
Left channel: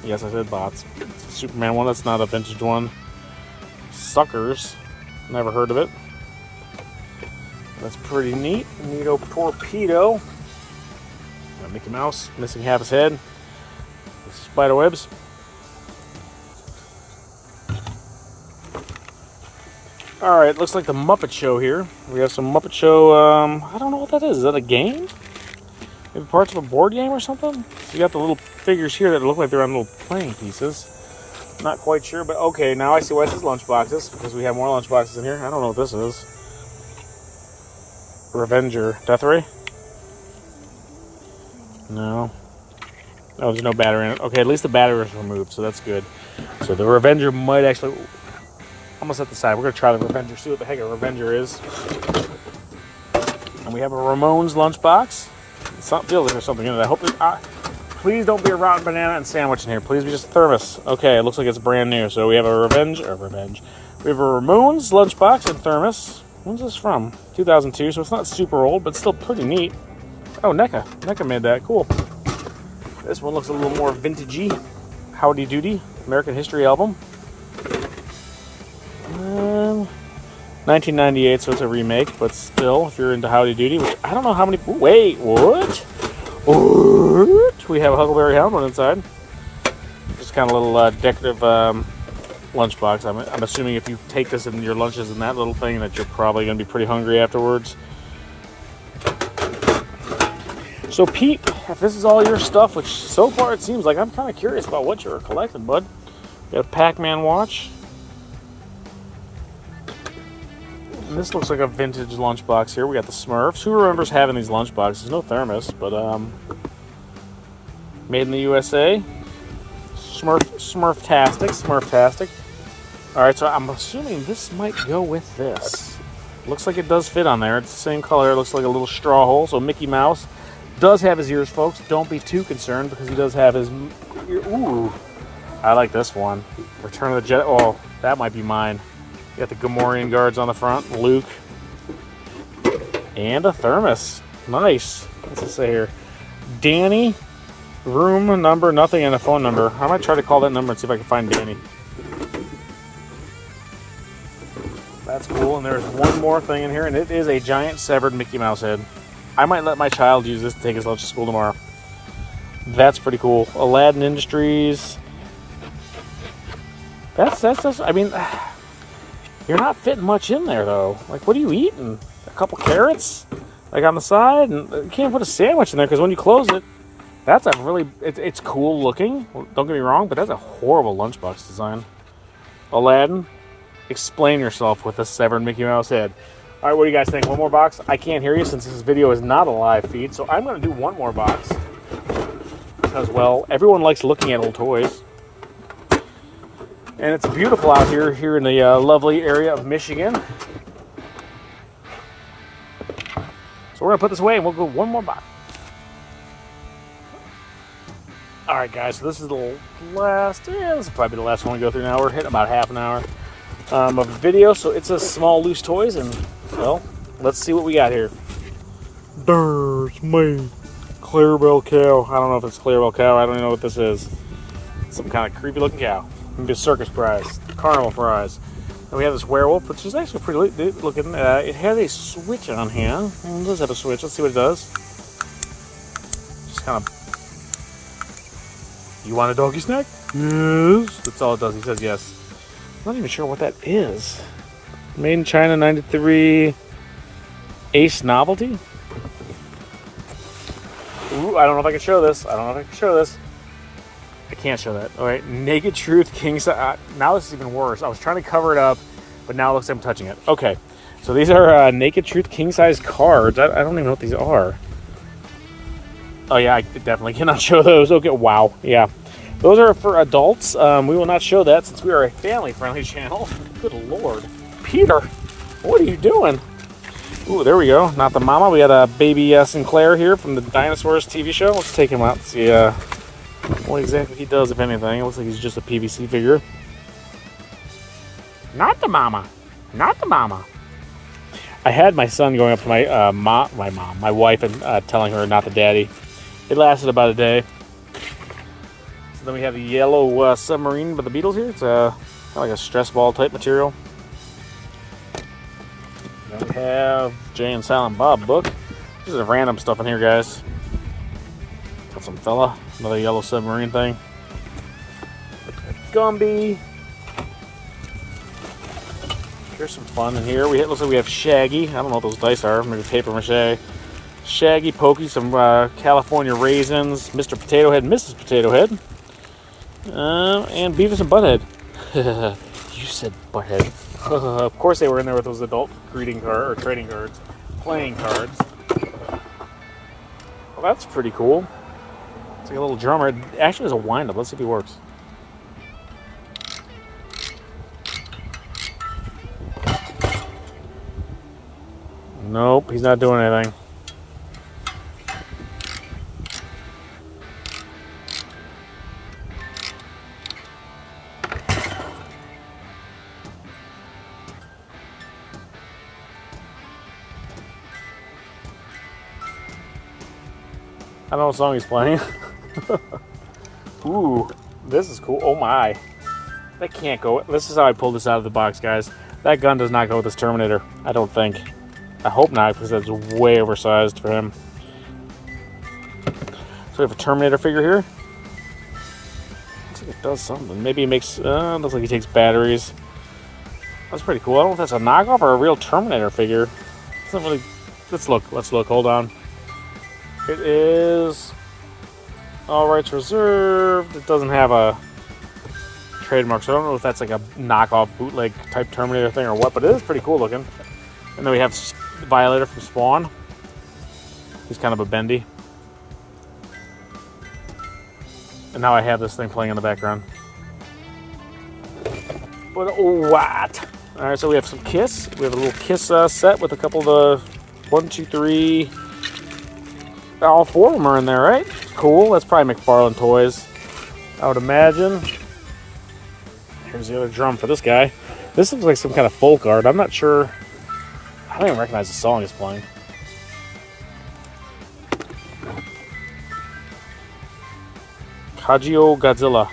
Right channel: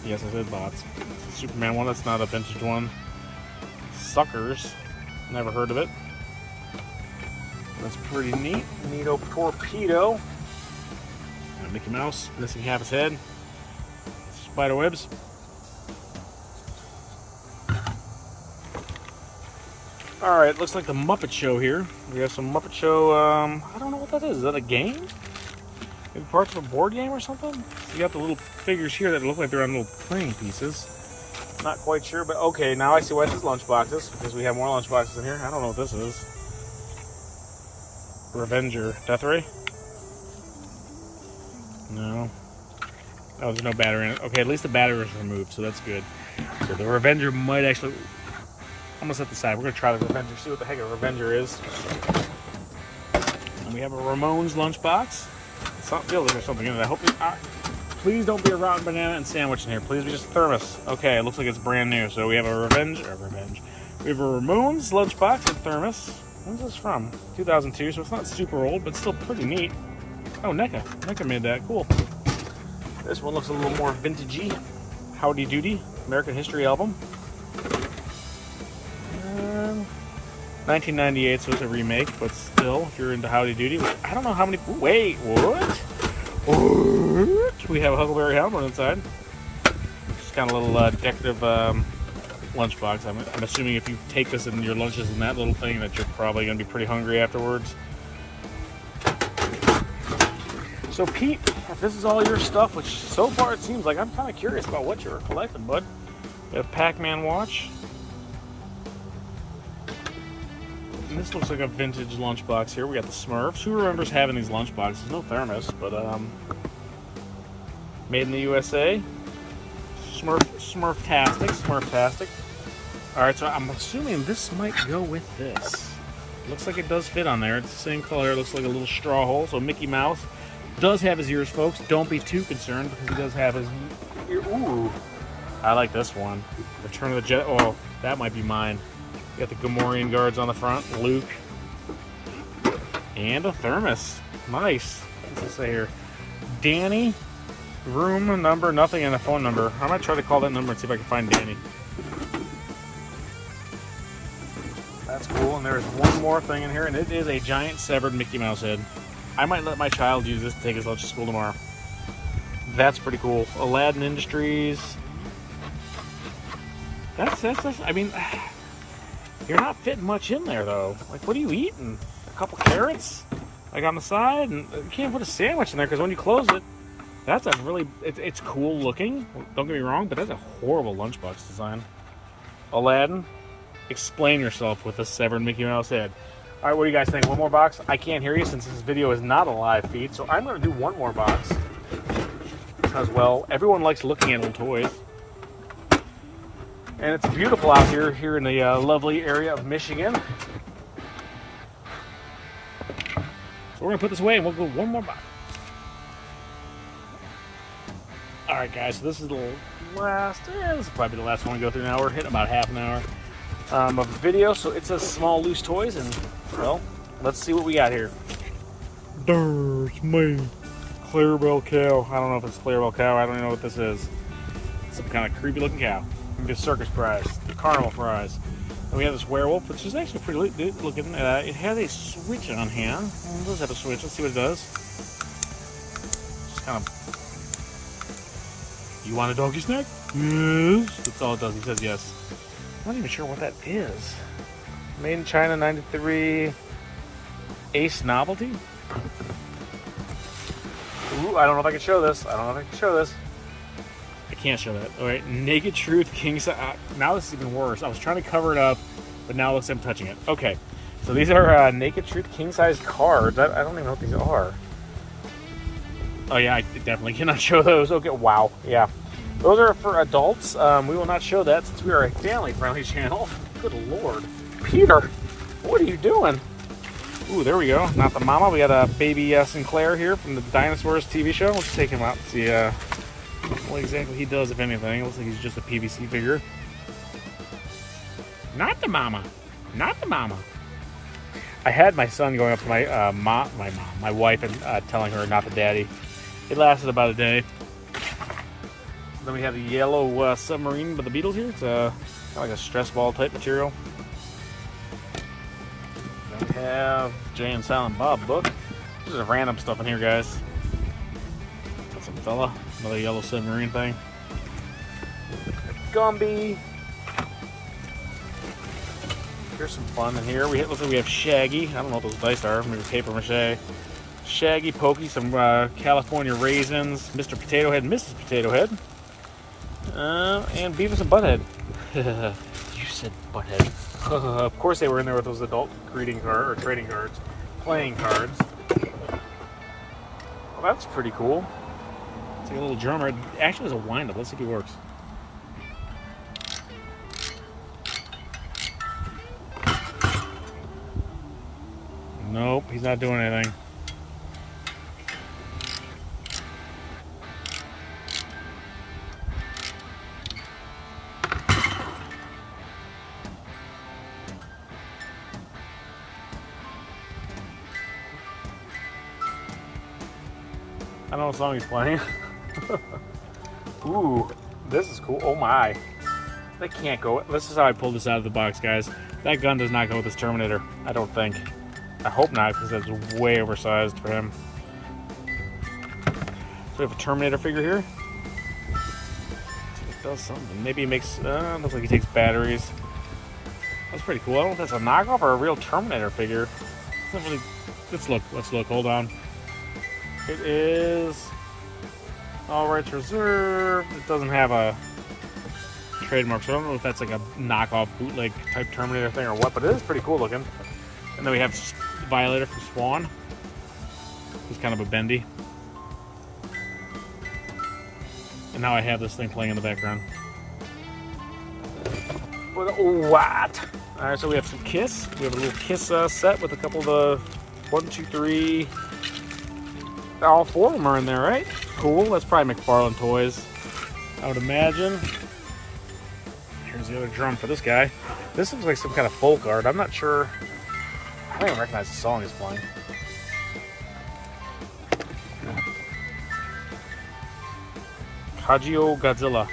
Yes, I said bots. Superman one, that's not a vintage one. Suckers. Never heard of it. That's pretty neat. Neato Torpedo. Got Mickey Mouse, missing half his head. Spider webs. Alright, looks like the Muppet Show here. We have some Muppet Show, I don't know what that is. Is that a game? Maybe parts of a board game or something? You got the little figures here that look like they're on little playing pieces. Not quite sure, but okay, now I see why this is lunchboxes, because we have more lunchboxes in here. I don't know what this is. Revenger. Death Ray? No. Oh, there's no battery in it. Okay, at least the battery was removed, so that's good. So the Revenger might actually... I'm going to set this aside. We're going to try the Revenger, see what the heck a Revenger is. And we have a Ramones lunchbox. It feels like there's something in it. I hope it... please don't be a rotten banana and sandwich in here. Please be just a thermos. Okay, it looks like it's brand new. So we have a Revenge. We have a Ramones lunchbox and thermos. When's this from? 2002, so it's not super old, but still pretty neat. Oh, NECA. NECA made that. Cool. This one looks a little more vintagey. Howdy Doody. American History album. And 1998, so it's a remake, but still, if you're into Howdy Doody, which I don't know how many... Wait, what? What? We have a Huckleberry Hound one inside. Just kind of a little decorative lunchbox. I'm assuming if you take this in your lunches in that little thing, that you're probably going to be pretty hungry afterwards. So Pete, if this is all your stuff, which so far it seems like, I'm kind of curious about what you're collecting, bud. You got a Pac-Man watch. And this looks like a vintage lunchbox here. We got the Smurfs. Who remembers having these lunchboxes? No thermos, but made in the USA. Smurftastic. All right, so I'm assuming this might go with this. Looks like it does fit on there. It's the same color. It looks like a little straw hole. So Mickey Mouse does have his ears, folks. Don't be too concerned because he does have his... Ooh, I like this one. Return of the Jedi. Oh, that might be mine. You got the Gamorrean guards on the front. Luke. And a thermos. Nice. What's it say here? Danny. Room number, nothing, and a phone number. I might try to call that number and see if I can find Danny. That's cool. And there's one more thing in here, and it is a giant severed Mickey Mouse head. I might let my child use this to take his lunch to school tomorrow. That's pretty cool. Aladdin Industries. That's I mean, you're not fitting much in there, though. Like, what are you eating? A couple carrots? Like, on the side? And you can't put a sandwich in there, because when you close it, that's a really... It's cool looking. Don't get me wrong, but that's a horrible lunchbox design. Aladdin, explain yourself with a severed Mickey Mouse head. All right, what do you guys think? One more box? I can't hear you since this video is not a live feed, so I'm going to do one more box. Because, well, everyone likes looking at old toys. And it's beautiful out here in the lovely area of Michigan. So we're going to put this away and we'll go one more box. All right, guys, so this is the last... Yeah, this will probably be the last one we go through now. We're hitting about half an hour of video, so it's a small loose toys, and, well, let's see what we got here. There's me, Clarabelle cow. I don't know if it's Clarabelle cow. I don't even know what this is. Some kind of creepy looking cow. Maybe a circus prize, carnival prize. And we have this werewolf, which is actually pretty looking. It has a switch on here. It does have a switch. Let's see what it does. Just kind of... You want a doggy snack? Yes. That's all it does. He says yes. I'm not even sure what that is. Made in China, 93. Ace Novelty? Ooh, I don't know if I can show this. I can't show that. All right, Naked Truth King size. Now this is even worse. I was trying to cover it up, but now it looks like I'm touching it. Okay, So these are Naked Truth king-size cards. I don't even know what these are. Oh yeah, I definitely cannot show those. Okay, wow, yeah. Those are for adults. We will not show that since we are a family-friendly channel. Good lord. Peter, what are you doing? Ooh, there we go. Not the mama. We got a baby Sinclair here from the Dinosaurs TV show. Let's take him out and see what exactly he does, if anything. It looks like he's just a PVC figure. Not the mama. Not the mama. I had my son going up to my wife and telling her not the daddy. It lasted about a day. So then we have the yellow submarine by the Beatles here. It's kind of like a stress ball type material. We have Jay and Silent Bob book. This is random stuff in here, guys. Got some fella, another yellow submarine thing. Gumby. Here's some fun in here. Looks like we have Shaggy. I don't know what those dice are. Maybe paper mache. Shaggy, Pokey, some California raisins, Mr. Potato Head, Mrs. Potato Head, and Beavis and Butthead. You said Butthead. Of course they were in there with those adult greeting card or trading cards, playing cards. Well, that's pretty cool. It's like a little drummer. It actually has a wind-up. Let's see if he works. Nope, he's not doing anything. I don't know what song he's playing. Ooh, this is cool. Oh my. That can't go. This is how I pulled this out of the box, guys. That gun does not go with this Terminator. I don't think. I hope not, because that's way oversized for him. So we have a Terminator figure here. Looks like it does something. Maybe he makes, looks like he takes batteries. That's pretty cool. I don't know if that's a knockoff or a real Terminator figure. It's not really, let's look, hold on. It is all rights reserved. It doesn't have a trademark, so I don't know if that's like a knockoff bootleg type Terminator thing or what, but it is pretty cool looking. And then we have the Violator from Spawn. He's kind of a bendy. And now I have this thing playing in the background. But what? Alright, so we have some Kiss. We have a little Kiss set with a couple of the 1, 2, 3. All 4 of them are in there, right? Cool. That's probably McFarlane Toys, I would imagine. Here's the other drum for this guy. This looks like some kind of folk art. I'm not sure. I don't even recognize the song he's playing. Kajio Godzilla.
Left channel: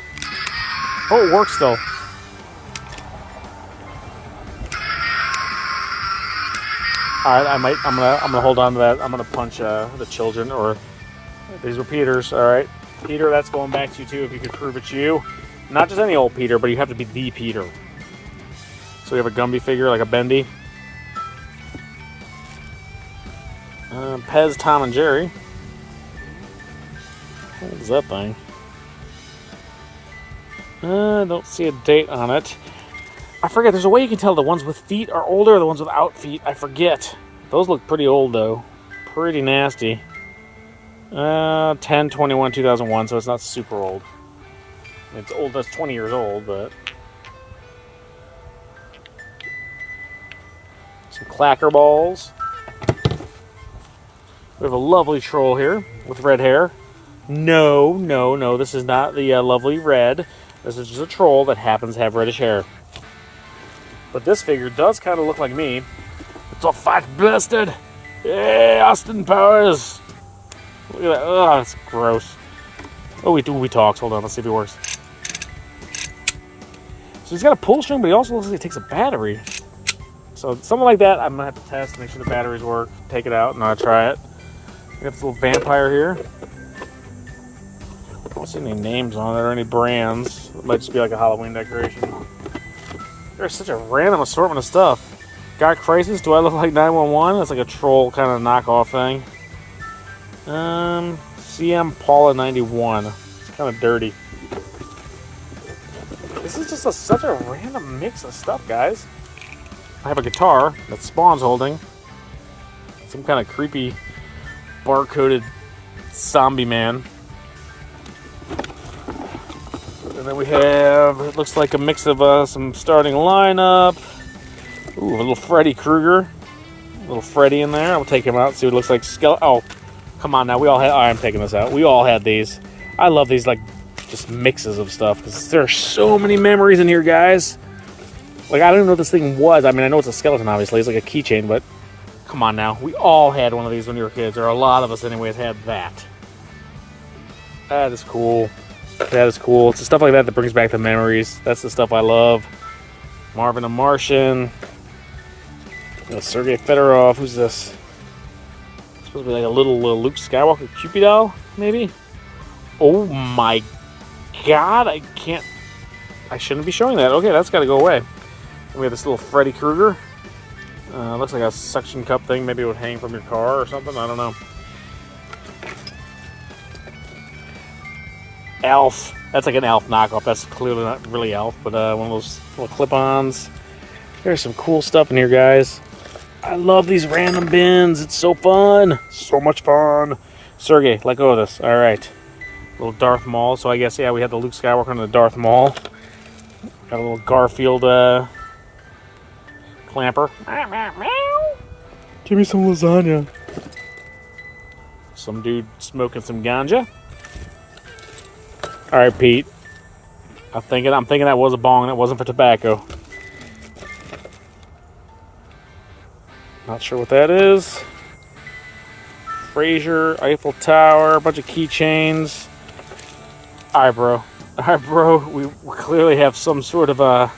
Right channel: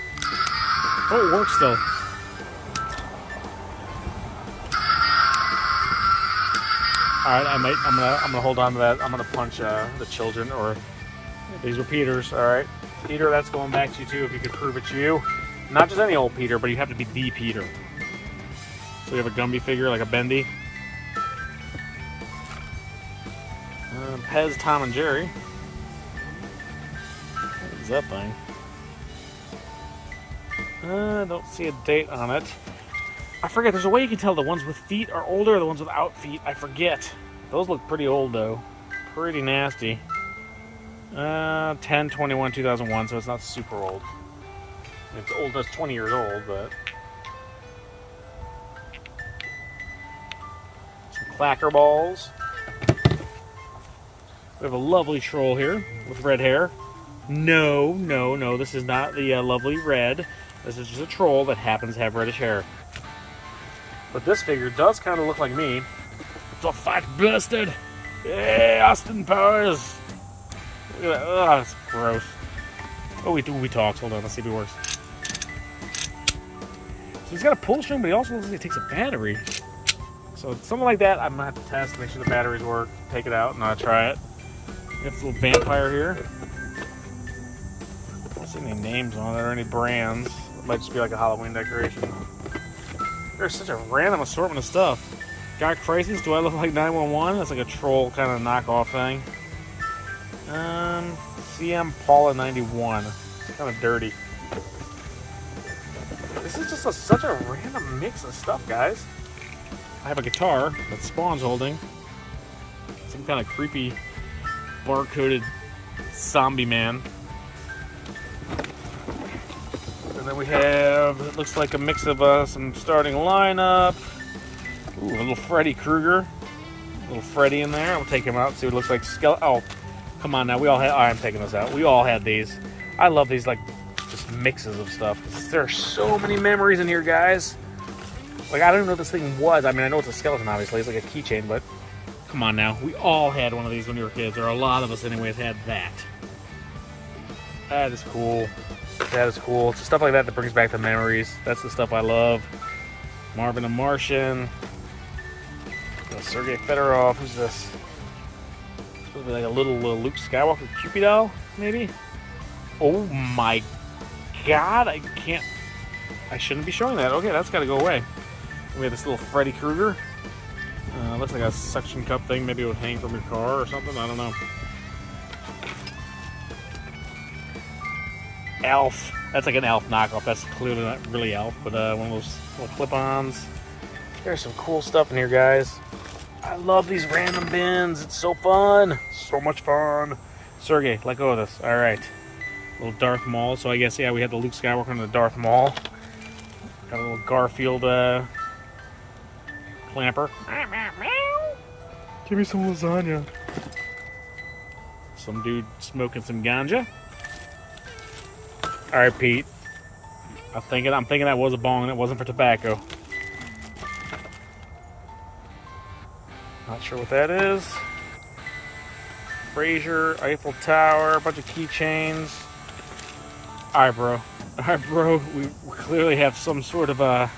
Oh, it works though. Alright, I'm gonna hold on to that. I'm gonna punch the children, or these were Peter's. Alright. Peter, that's going back to you too, if you could prove it's you. Not just any old Peter, but you have to be the Peter. So we have a Gumby figure, like a bendy. Pez, Tom, and Jerry. What is that thing? I don't see a date on it. I forget, there's a way you can tell the ones with feet are older or the ones without feet. I forget. Those look pretty old, though. Pretty nasty. 10/21, 2001, so it's not super old. It's old, that's 20 years old, but... Some clacker balls. We have a lovely troll here with red hair. No, this is not the lovely red. This is just a troll that happens to have reddish hair. But this figure does kind of look like me. It's a fat bastard! Hey, Austin Powers! Look at that. Oh, that's gross. Oh, we talked. Hold on, let's see if he works. So he's got a pull string, but he also looks like he takes a battery. So something like that, I'm going to have to test, make sure the batteries work, take it out, and I'll try it. We got this little vampire here. I don't see any names on it or any brands. It might just be like a Halloween decoration. There's such a random assortment of stuff. Got Crisis, do I look like 911? That's like a troll kind of knockoff thing. CM Paula 91. It's kind of dirty. This is just such a random mix of stuff, guys. I have a guitar that Spawn's holding. Some kind of creepy barcoded zombie man. And then we have, it looks like a mix of some starting lineup. Ooh, a little Freddy Krueger. A little Freddy in there. I'll take him out, see what it looks like. Oh, come on now. We all had, I'm taking this out. We all had these. I love these, like, just mixes of stuff, because there are so many memories in here, guys. Like, I don't know what this thing was. I mean, I know it's a skeleton, obviously. It's like a keychain, but come on now. We all had one of these when we were kids, or a lot of us, anyways, had that. That is cool. That is cool. It's the stuff like that that brings back the memories. That's the stuff I love. Marvin the Martian. Sergei Fedorov. Who's this? It's supposed to be like a little Luke Skywalker Cupid doll, maybe? Oh my god, I can't. I shouldn't be showing that. Okay, that's got to go away. We have this little Freddy Krueger. Looks like a suction cup thing. Maybe it would hang from your car or something. I don't know. Elf. That's like an Elf knockoff. That's clearly not really Elf, but one of those little clip-ons. There's some cool stuff in here, guys. I love these random bins. It's so fun. So much fun. Sergey, let go of this. All right. Little Darth Maul. So I guess, yeah, we had the Luke Skywalker and the Darth Maul. Got a little Garfield clamper. Give me some lasagna. Some dude smoking some ganja. All right, Pete. I'm thinking that was a bong and it wasn't for tobacco. Not sure what that is. Fraser, Eiffel Tower, a bunch of keychains. All right, bro. All right, bro. We clearly have some sort of a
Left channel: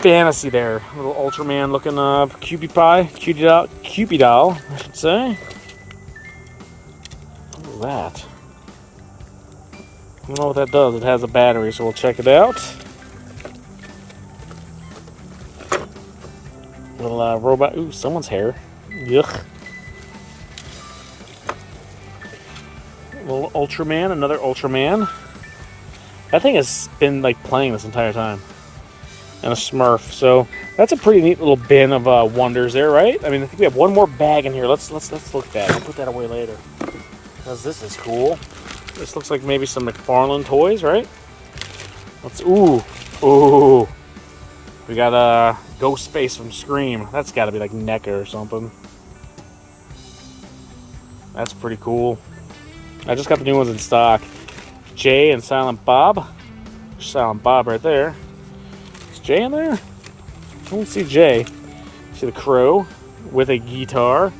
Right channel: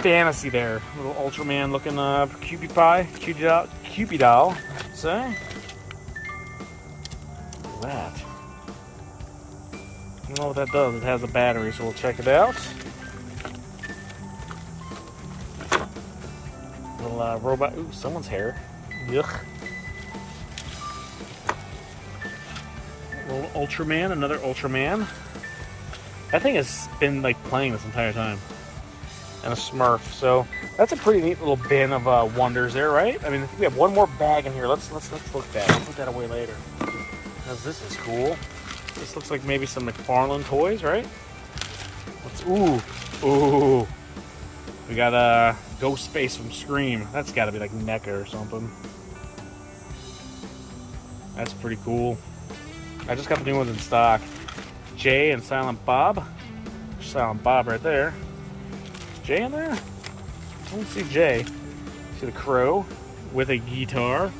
fantasy there. A little Ultraman looking Cupid doll, I should say. What is that? I don't know what that does. It has a battery, so we'll check it out. Little robot. Ooh, someone's hair. Yuck. Little Ultraman, another Ultraman. That thing has been like playing this entire time. And a Smurf. So that's a pretty neat little bin of wonders there, right? I mean, I think we have one more bag in here. Let's look at that. We'll put that away later. Because this is cool. This looks like maybe some McFarlane toys, right? Ooh. We got Ghostface from Scream. That's got to be like NECA or something. That's pretty cool. I just got the new ones in stock. Jay and Silent Bob. Silent Bob right there. Is Jay in there? I don't see Jay. See the Crow with a guitar.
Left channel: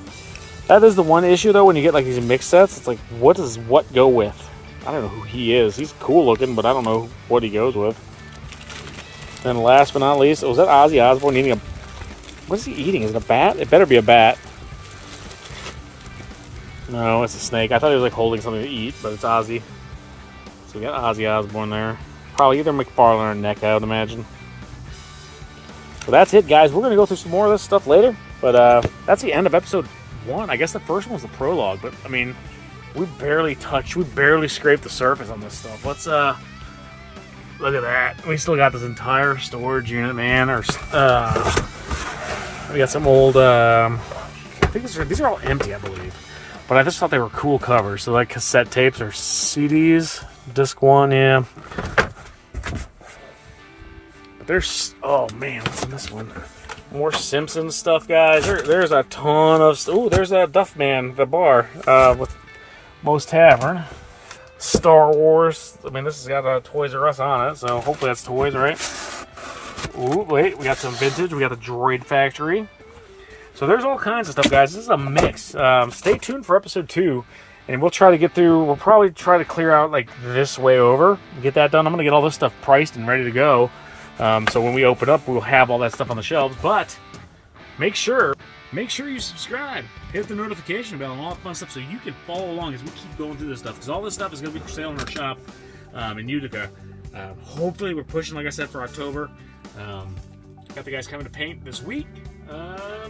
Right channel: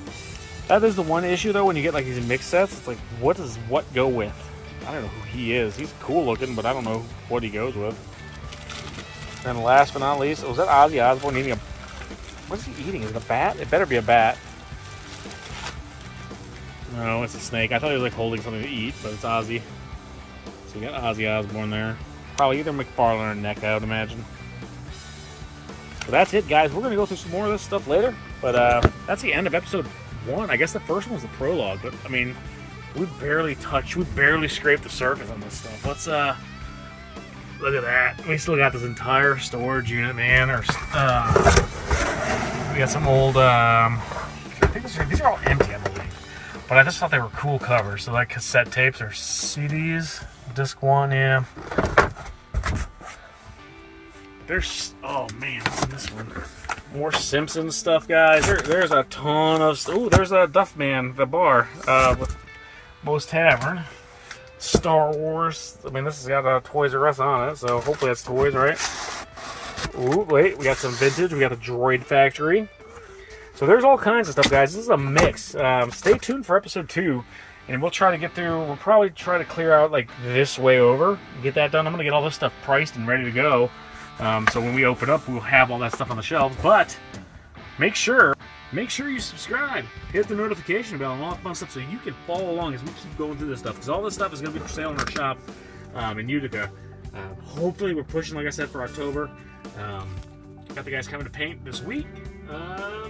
That is the one issue though when you get like these mix sets. It's like, what does what go with? I don't know who he is. He's cool looking, but I don't know what he goes with. And last but not least, was that Ozzy Osbourne eating a... What is he eating? Is it a bat? It better be a bat. No, it's a snake. I thought he was like holding something to eat, but it's Ozzy. So we got Ozzy Osbourne there. Probably either McFarlane or NECA, I would imagine. So that's it, guys. We're going to go through some more of this stuff later. But that's the end of episode 1. I guess the first one was the prologue, but I mean, we barely scraped the surface on this stuff. Let's look at that. We still got this entire storage unit, man. We got some old I think these are all empty, I believe. But I just thought they were cool covers. So like cassette tapes or CDs. Disc 1, yeah. But there's, oh man, what's in this one? More Simpsons stuff, guys. There's a ton of, oh, there's a Duffman, the bar, with Moe's Tavern. Star Wars. I mean, this has got a Toys R Us on it, so hopefully that's toys, right? Ooh, wait, we got some vintage. We got the Droid Factory. So there's all kinds of stuff, guys. This is a mix. Stay tuned for episode 2, and we'll try to get through. We'll probably try to clear out like this way over, get that done. I'm gonna get all this stuff priced and ready to go. So when we open up, we'll have all that stuff on the shelves. But make sure you subscribe, hit the notification bell, and all that fun stuff, so you can follow along as we keep going through this stuff. Because all this stuff is gonna be for sale in our shop in Utica. Hopefully, we're pushing, like I said, for October. Got the guys coming to paint this week.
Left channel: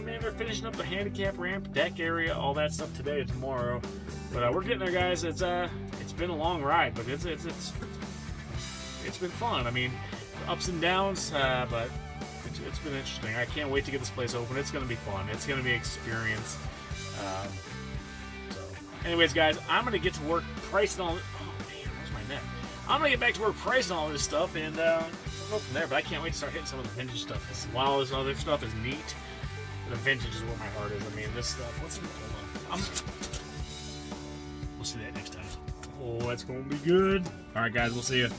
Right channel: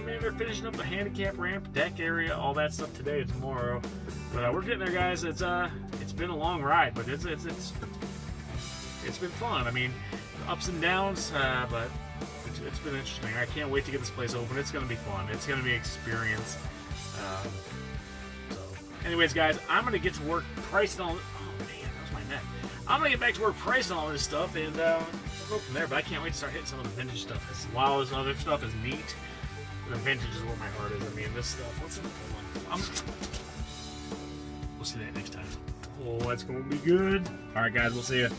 Maybe they're finishing up the handicap ramp, deck area, all that stuff today and tomorrow. But we're getting there, guys. It's been a long ride, but it's been fun. I mean, ups and downs, but it's been interesting. I can't wait to get this place open. It's going to be fun. It's going to be an experience. So, anyways, guys, I'm going to get to work pricing all. Oh man, that was my neck. I'm going to get back to work pricing all this stuff, and we'll go from there. But I can't wait to start hitting some of the vintage stuff. Because while this other stuff is neat, the vintage is where my heart is. I mean, this stuff. What's in it? We'll see that next time. Oh, that's going to be good. All right, guys, we'll see you.